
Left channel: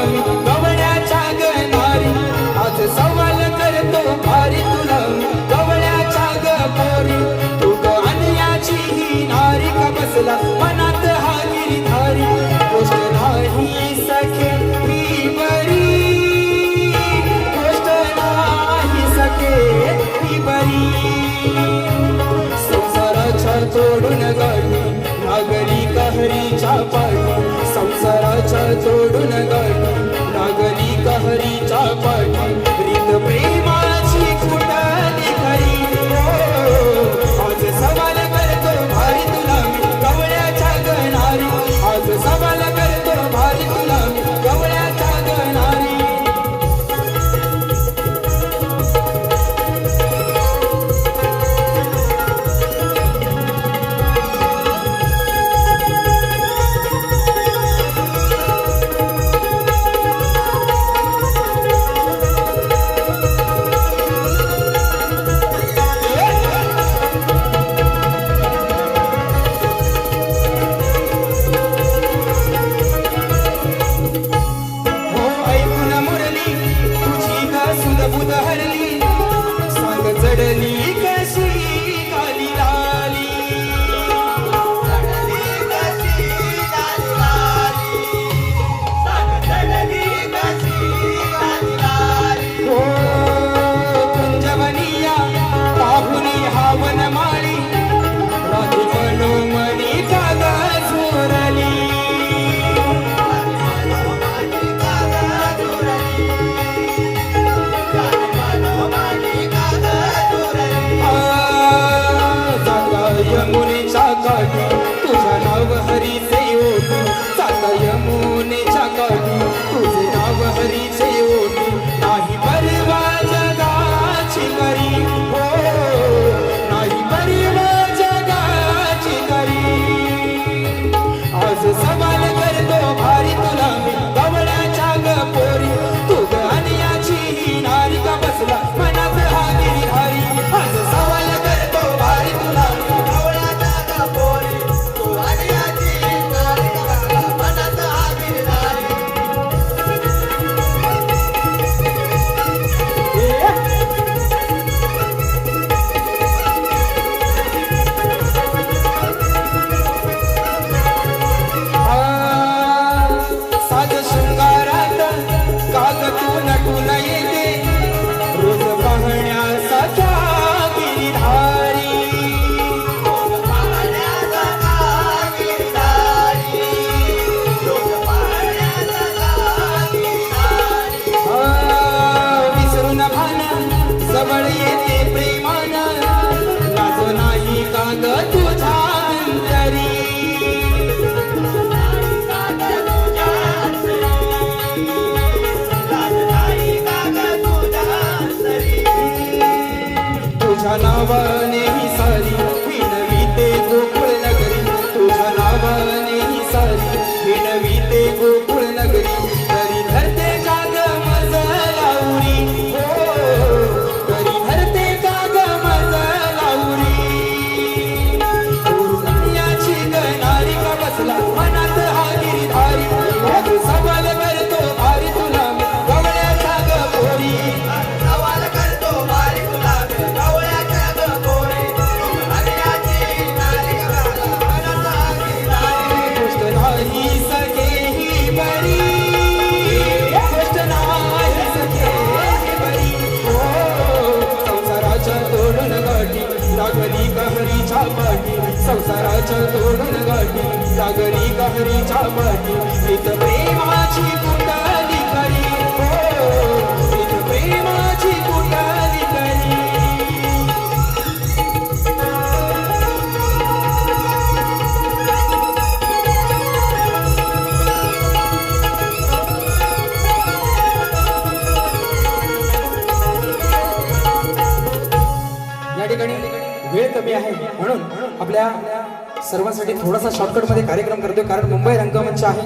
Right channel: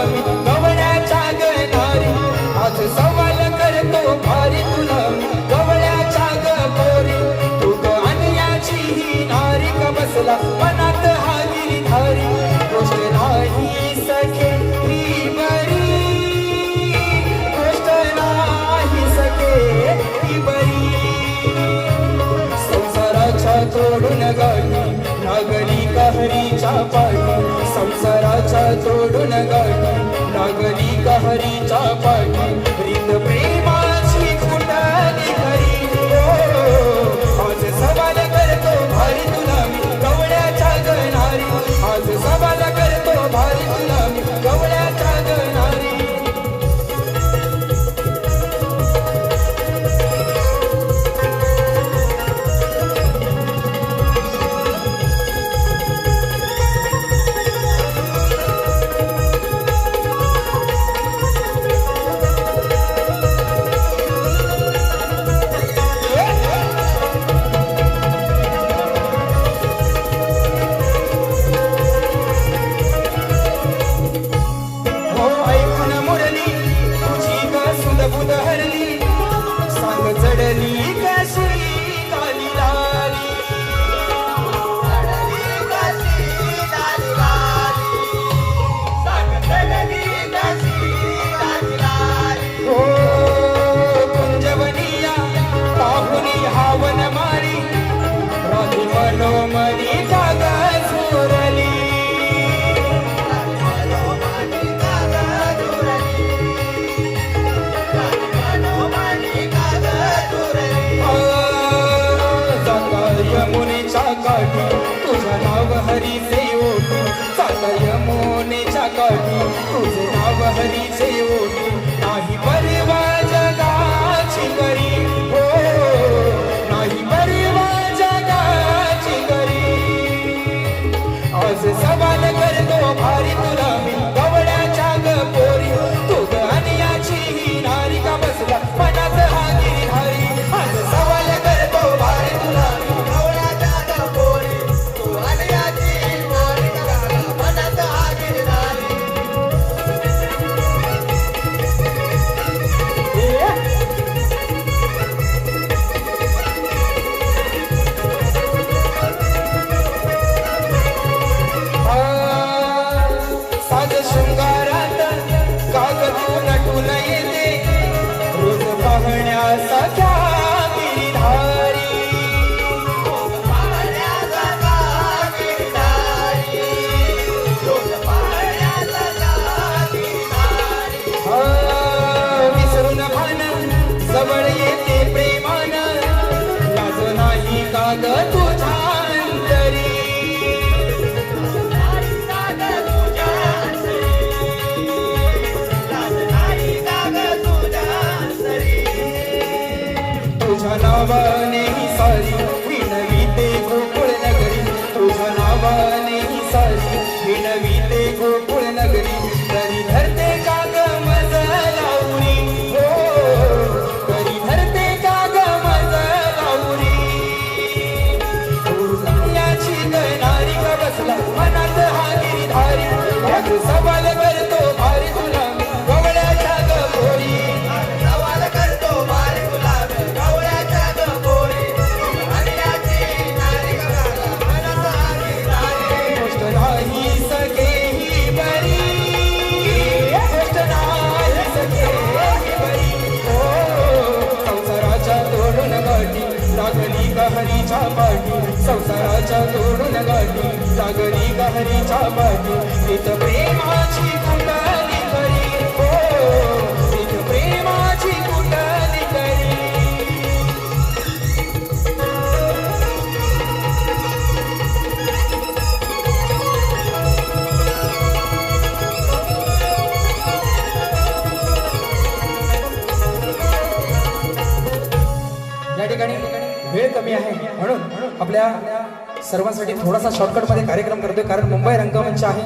आपल्या सर्वांसाठी थोडासा शॉर्टकट मध्ये कार्यक्रम करतोय, कारण मुंबई रंगमंच आहे.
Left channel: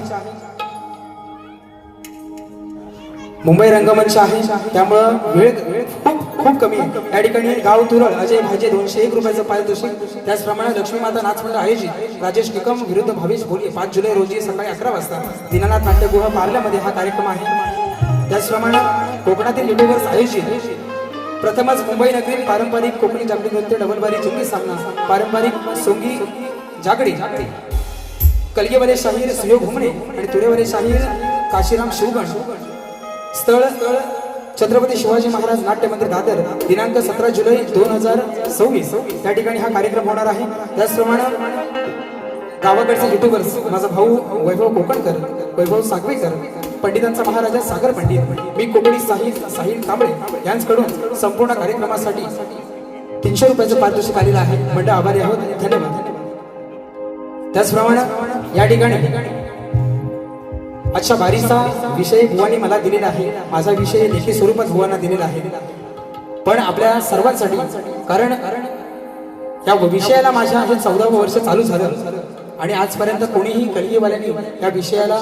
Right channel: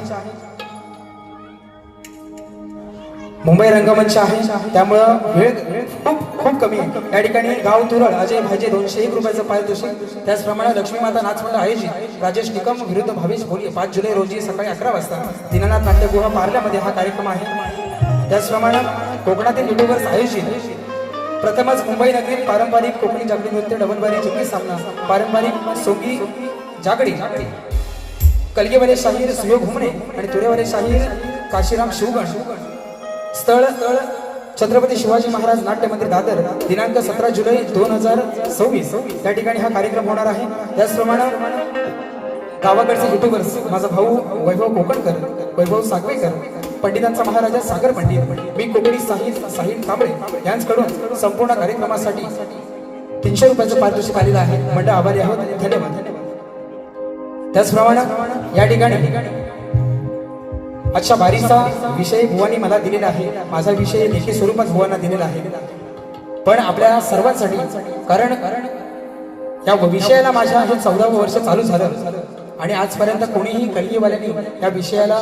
मुंबई रंगमंच आहे, त्यामुळं वेळ खूप कमी आहे. या ठिकाणी गाव तुरळ अजय भाजे 201 रुपयाचं पारितोषिक. त्याचप्रमाणे लक्ष्मी माता नाचमंडळ आयोजित राजेश निकम विरुद्ध भावेश भोले 5 जुलै रोजी सकाळी 11 वाजता दीनानाथ नाट्यगृह पार्ल्यामध्ये हा कार्यक्रम आहे. त्याचप्रमाणे कोकणातील युट्यूबर्स आयोजित प्रथमच मुंबई नगरीत पारंपरिक कोकणी जागृती नृत्य डबलबारी चिंगी सामना पारंपरिक सोंगी जागडी कलगेवाले शाहीर सुयोग घुमणे आणि तुरेवाले शाहीर काशीराम शिवगण. स्थळ छत्रपती शिवाजी महाराज नाट्य मंदिर दादर दिनांक 17 जुलै 2026 या ठिकाणी हा कार्यक्रम होणार आहे. त्याचप्रमाणे गावाकडचे युट्यूबर्स माझा भाऊ वैभव कोकणकर, वैभव सागवेकर, पंडितांचा महाराजा सागर पंडित, मी कोकणी साहिल कांबळे यांच्याकडून संपूर्ण कार्यक्रमासाठी 300 रुपयाचं पारितोषिक आलेलं आहे. मंडळ आभारी आहोत, धन्यवाद. त्याचप्रमाणे या ठिकाणी अच्छा बारीचा विषय बुवांनी मला दिलेला आहे. माझा विषय लेखी स्वरूपात बुवांना दिलेला आहे, पण आपल्या सर्वांसाठी, कारण या विषयाला माझ्या हे 14वं वर्ष चालू झालं आणि आजपर्यंत कोणीही कलगीवाल्यांनी या विषयाला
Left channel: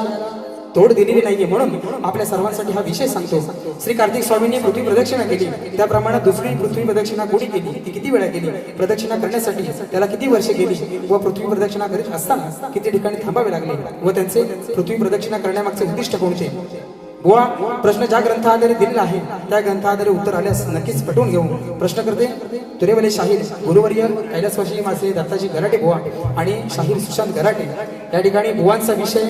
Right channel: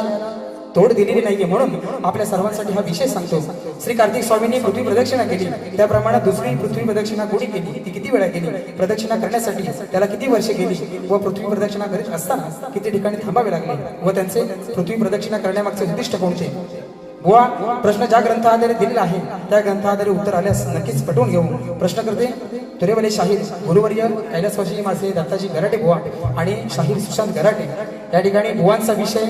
तोड दिलेली नाहीये. म्हणून आपल्या सर्वांसाठी हा विषय सांगतो. श्री कार्तिक स्वामींनी पृथ्वी प्रदक्षिणा केली, त्याप्रमाणे दुसरी पृथ्वी प्रदक्षिणा कोणी केली, ती किती वेळा केली, प्रदक्षिणा करण्यासाठी त्याला किती वर्षे गेली व पृथ्वी प्रदक्षिणा करीत असताना किती ठिकाणी थांबावे लागले व त्यांचे पृथ्वी प्रदक्षिणा करण्यामागचे उद्दिष्ट कोणते. बुवा प्रश्न ज्या ग्रंथाद्वारे दिलेला आहे त्या ग्रंथाद्वारे उत्तर आल्यास नक्कीच पटवून घेऊ. प्रश्न करते तुरेवाले शाहीर गुरुवर्य कैलासवासी माझे दत्ताजी गराटे बुवा आणि शाहीर सुशांत गराटे. या ठिकाणी बुवांचा विषय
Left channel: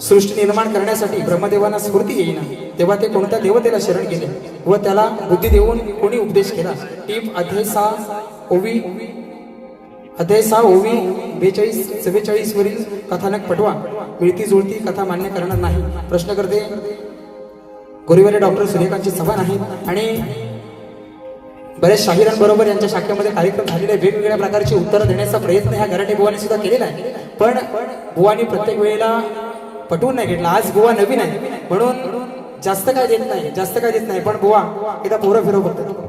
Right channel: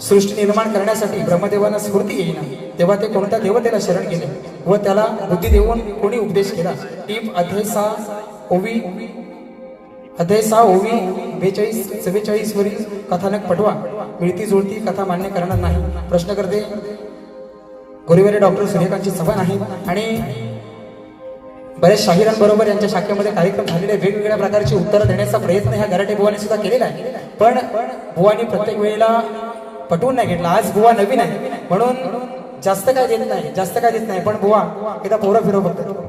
सृष्टी निर्माण करण्यासाठी ब्रह्मदेवांना स्फूर्ती येईना तेव्हा ते कोणत्या देवतेला शरण गेले व त्याला बुद्धी देऊन कोणी उपदेश केला. टीप अध्याय 6 ओवी 42-44 वरील कथानक पटवा. मिळती जुळती कथा मान्य करणार नाही. प्रश्न करते गोरीवाले डॉक्टर सूर्यकांतची सभा नाही आणि बऱ्याच शाहिरांबरोबर यांच्या शाखेमध्ये कार्यक्रम झालेले वेगवेगळ्या प्रकारची उत्तरं देण्याचा प्रयत्न ह्या गराटे बुवांनी सुद्धा केलेला आहे, पण बुवांनी प्रत्येक वेळेला पटवून नाही घेतला. आज बुवा नवीन आहे म्हणून जास्त काय देत नाही, पण बुवा एकदा पोरा फिरव बघतो.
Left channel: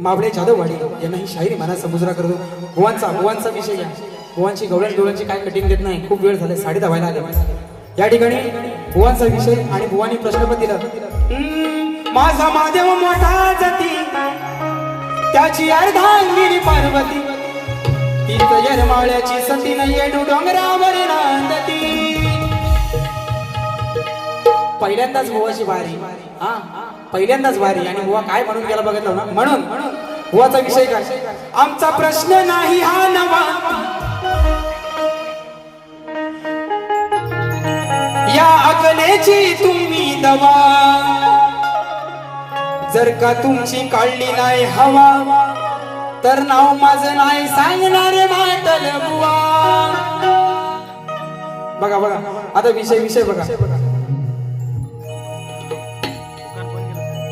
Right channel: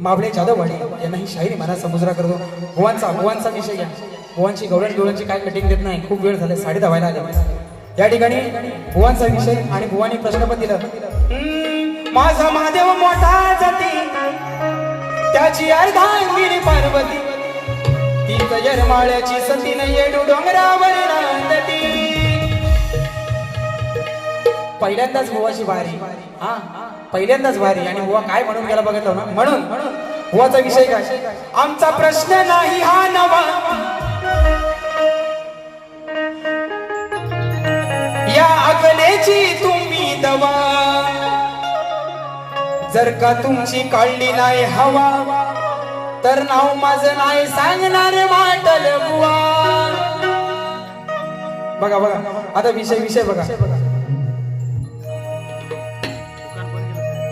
मावळे जाधववाडी यांना ही शायरी महाराज समुद्रा करतो. बुवांचा विषय घ्या. बुवांची गवळणची काय कटिंग देत नाही, खूप वेळ झाला, 10:30 व्हायला आले. या ठिकाणी बुवांचा विषय आणि बुवांनी प्रश्न पण दिला. माझा महादेव मोठा जाती त्याची अर्धांगिनी पार्वती, ती कयरमाळ्याची सती नाहीये डोंगरावर नांदती. पहिल्यांदाच बुवाची वारी, पहिल्यांदाच वारी आणि बुवा काय म्हणून गेला बघितलं ना. म्हणून बुवाचा विषय काय, आमचा प्रश्न नाही हा नवा, या अकलेची तुम्ही दवा, जर का तुमची काढली नाही हवा तर नाव माझं नाही सांगणार माटल बुवा. बघा आता विषय बघा.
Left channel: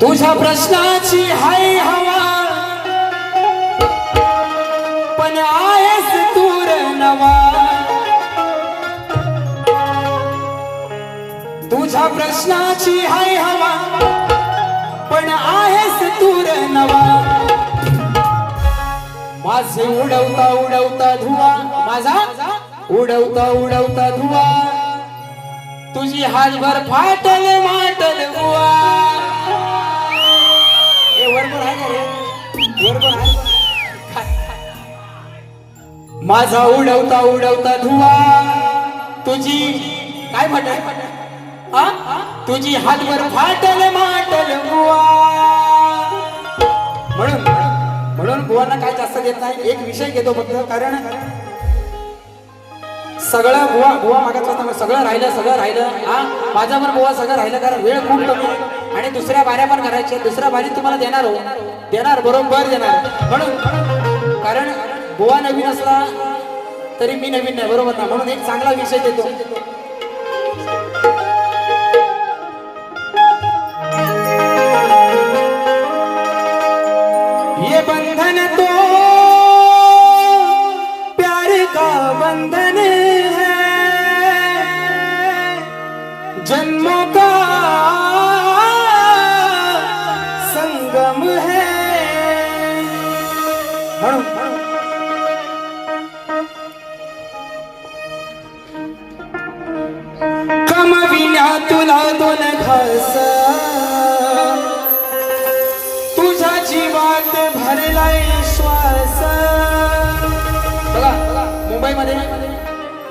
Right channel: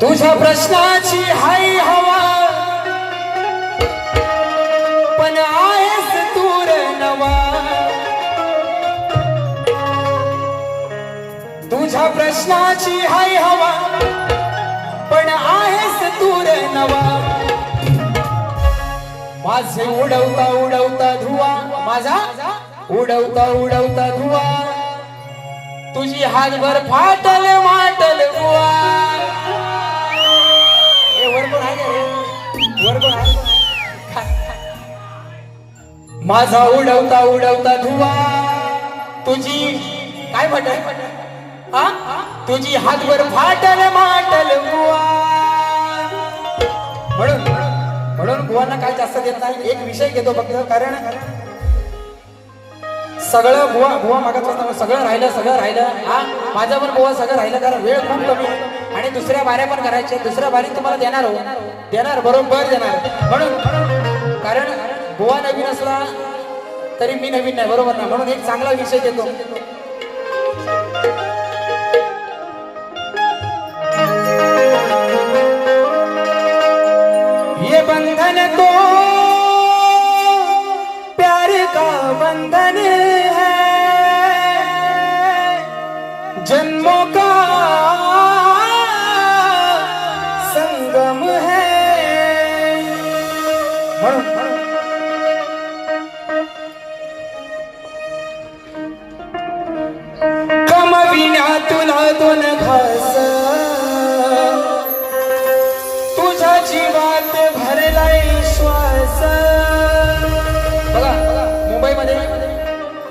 तुझ्या प्रश्नाची हाय हवा पण आहेस तूर नवा, तुझ्या प्रश्नाची हाय हवा पण आहेस तूर नवा. माझे उडवता धुवा, माझा उडवता धुवा, तुझी हातभर फाटल माटल बुवा. माझा उडवता धुवा, तुझी काय म्हटलं आ? तुझी हातभर फाटल माटल बुवा. म्हणून म्हणून बुवांना काय जास्त देत नाही. एक विषय घेतो फक्त, कारण सगळं बुवा बुवा मागत सगळं राहिलं. हा, माझ्यावर बुवा सगळं राहिलं, कारण वेळ खूप कमी आहे आणि दुसऱ्या बाऱ्या पण करायच्या. दुसऱ्या बारीत तुम्हाला देणार बरोबर देणार. म्हणून कारण बुवा नवीन असला तरी मी नवीन नाही, बरोबर ना. म्हणून एक चांगला विषय देतो. ये बंधन तो प्यार का बंधन है, जन्मों का संगम है. म्हणून कमविना तुला दोन घास, तुझ्या जीवात भरलाय श्वास. बघा, मुंबईमध्ये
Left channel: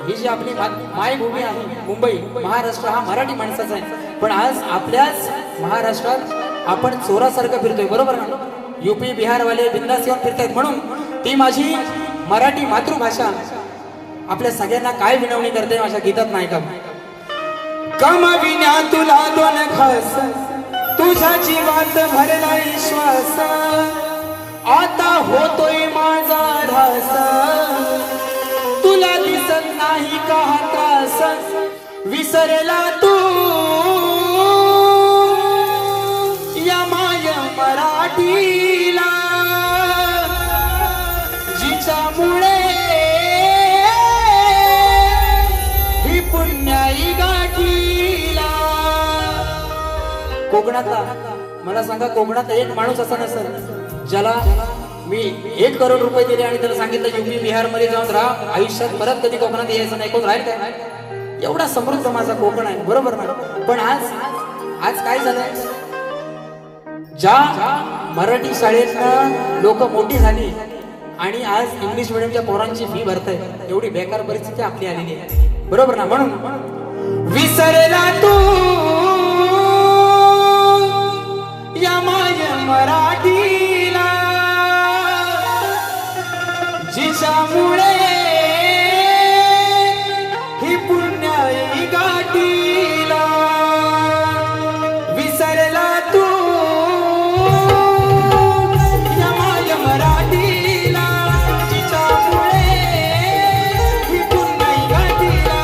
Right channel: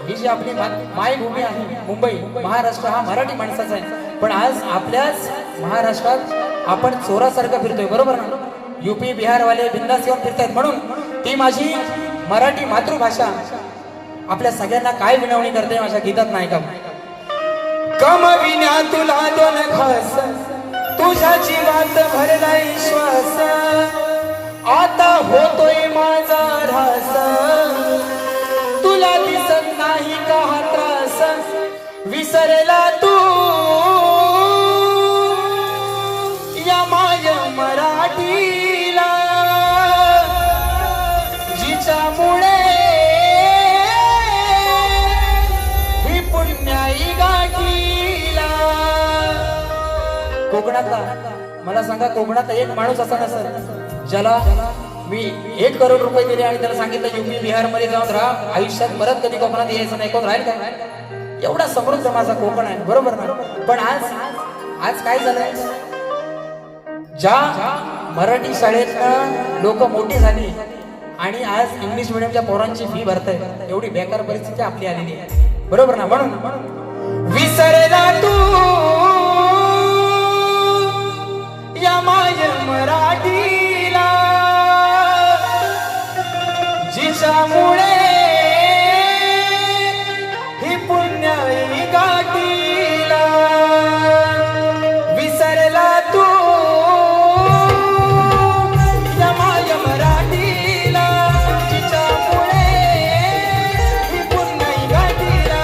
ही जी आपली मायभूमी आहे, मुंबई महाराष्ट्र हा मराठी माणसाचा आहे. पण आज आपल्याच महाराष्ट्रात आपण चोरासारखं फिरतोय, बरोबर ना. युपी बिहारवाले बिंदास येऊन फिरतायत. म्हणून ती माझी मराठी मातृभाषा आपल्या सगळ्यांना काय विनवणी करते माझ्या गीतात नाही का. कमविना तुला दोन घास, तुझ्या जीवात भरलाय श्वास. आता होतोय माझा ढास, तुला दिसत नाही का हा त्रास. विसरला तू या माझ्या मराठीला, जिच्यामुळे ही पुण्याई गाठीला. कोकणातला मला सांगा, कोकणात एक माणूस असा नसेल ज्याला मी 1 करोड रुपये दिले आणि त्याला सांगितलं युपी बिहार मध्ये जाऊन राहा, आयुष्यात परत कधी कोकणात यायचं नाही. कोण राहील का? एवढा समृद्ध माझा कोकण आहे, बरोबर ना. पण आज काय झालंय, ज्या मराठी शाळेतनं लोक मोठी झाली आणि आज इंग्लिश मिडियमच्या पोरांची फी भरतायत, एवढी बेकार परिस्थिती आपली आलेली आहे, बरोबर ना. म्हणून विसरला तू या माझ्या मराठीला, जिच्यामुळे ही पुण्याई गाठीला. विसरला तू या माझ्या मराठीला, जिच्यामुळे ही पुण्याई गाठीला.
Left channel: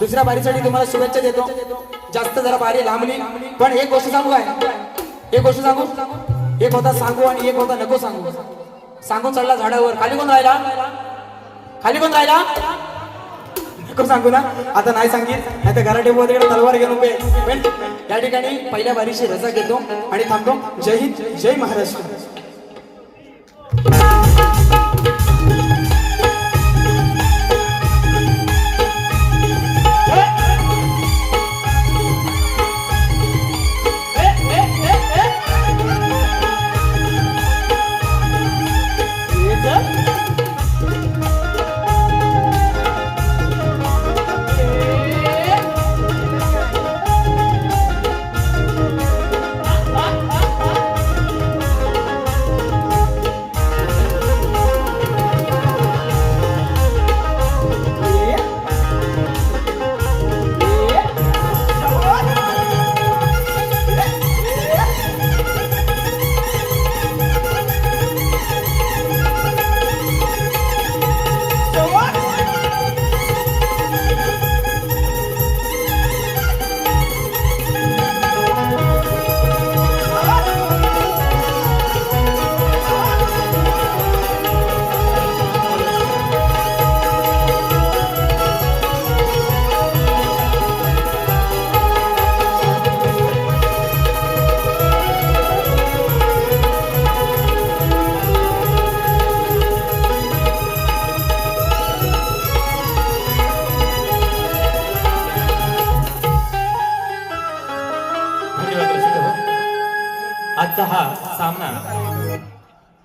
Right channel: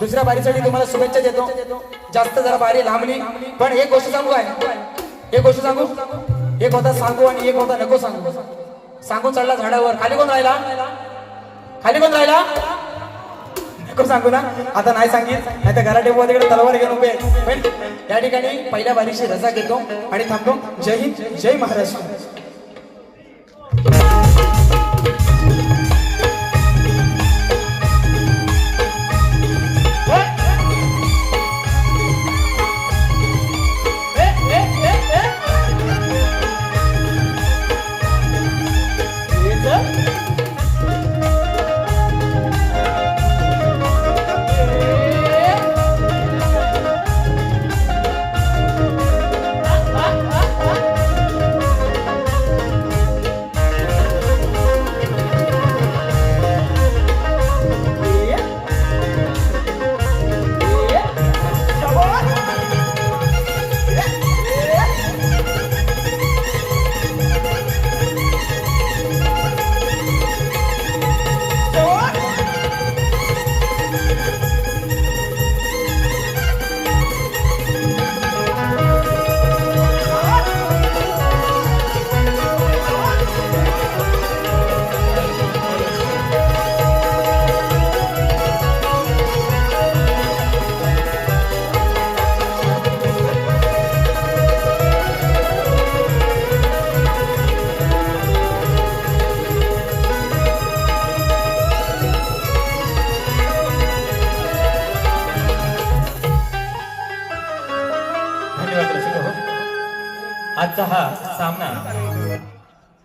दुसऱ्या बारीसाठी तुम्हाला शुभेच्छा देतो. जास्त जरा बारी लांबली, पण एक गोष्ट सांगू काय, एक गोष्ट सांगू, एक होता सांगू आणि एक होता नको सांगू. सांगू चढला झाडावर, खाली कोण राहिला, खाली कोण राहिला नको सांगू ना. आता नाही सांगित, नाही तर घराटे तिकडे तलवार घेऊन उभे. पण या ठिकाणी पहिल्या बारीची रजा घेतो आणि थांबतो. जय हिंद, जय महाराष्ट्र. आजचा हा सामना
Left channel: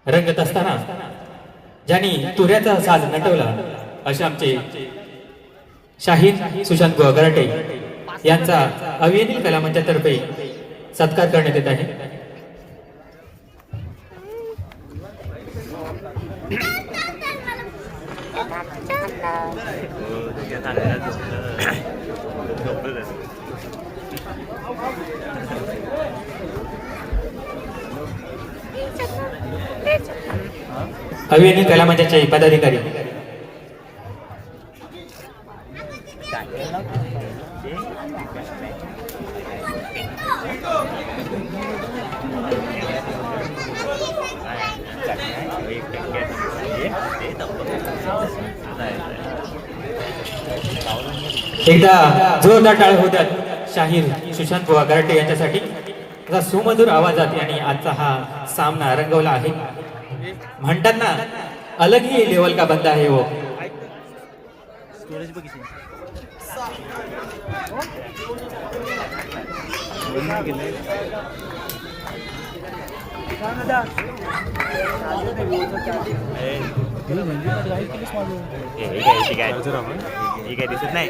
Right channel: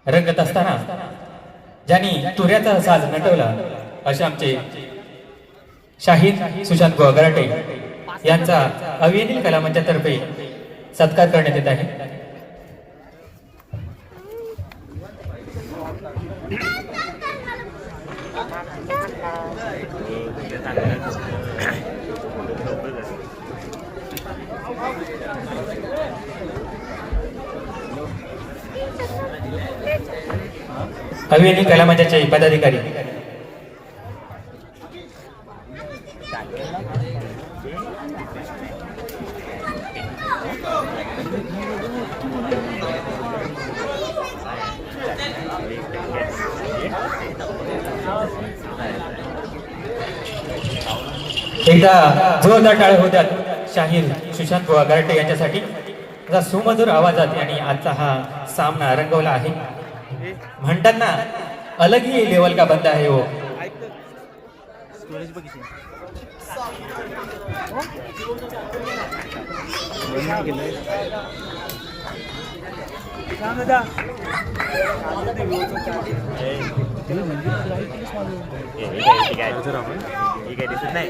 रंगत असताना ज्यांनी तुऱ्याचा साज नटवला असे आमचे शाहीर सुशांत बुवा गराटे यांचा अभिनय कला मंचातर्फे सत्कार करण्यात येत आहे. अभिनय कला मंचाचे पदाधिकारी एकदा जोरदार टाळे होत्यात शाहीर सुशांत बुवा गराटे यांच्यासाठी. सुमधुर आवाजात यांनी आजचा हा सामना रंगवला आहे. म्हणतात ना, अलग ही लेवल का बंदा है वो. दिसत नाही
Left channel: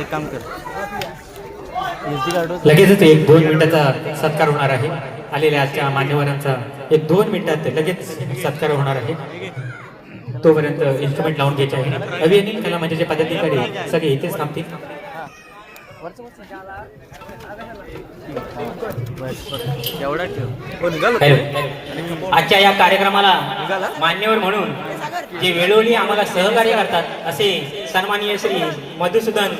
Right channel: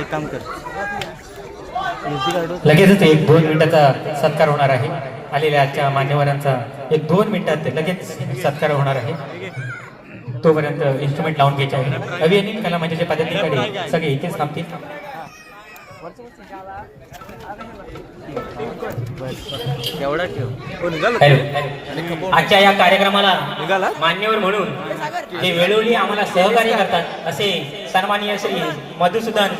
एक काम कर, लगेचच 1-2 मिनिटाचा सत्कार होणार आहे. आलेल्या आजच्या मान्यवरांचा 1-2 मिनिटात लगेच सत्कार होणार आहे. तोपर्यंत इन्स्ट्रुमेंट लावून घ्यायचे आहे. अभिनय कला मंचाचे पदाधिकारी सगळे इथेच थांबतील. आजच्या या कार्यक्रमाला मान्यवर म्हणून जे वेळोवेळी आम्हाला सहकार्य करतात असे सन्माननीय श्री मधुसूदन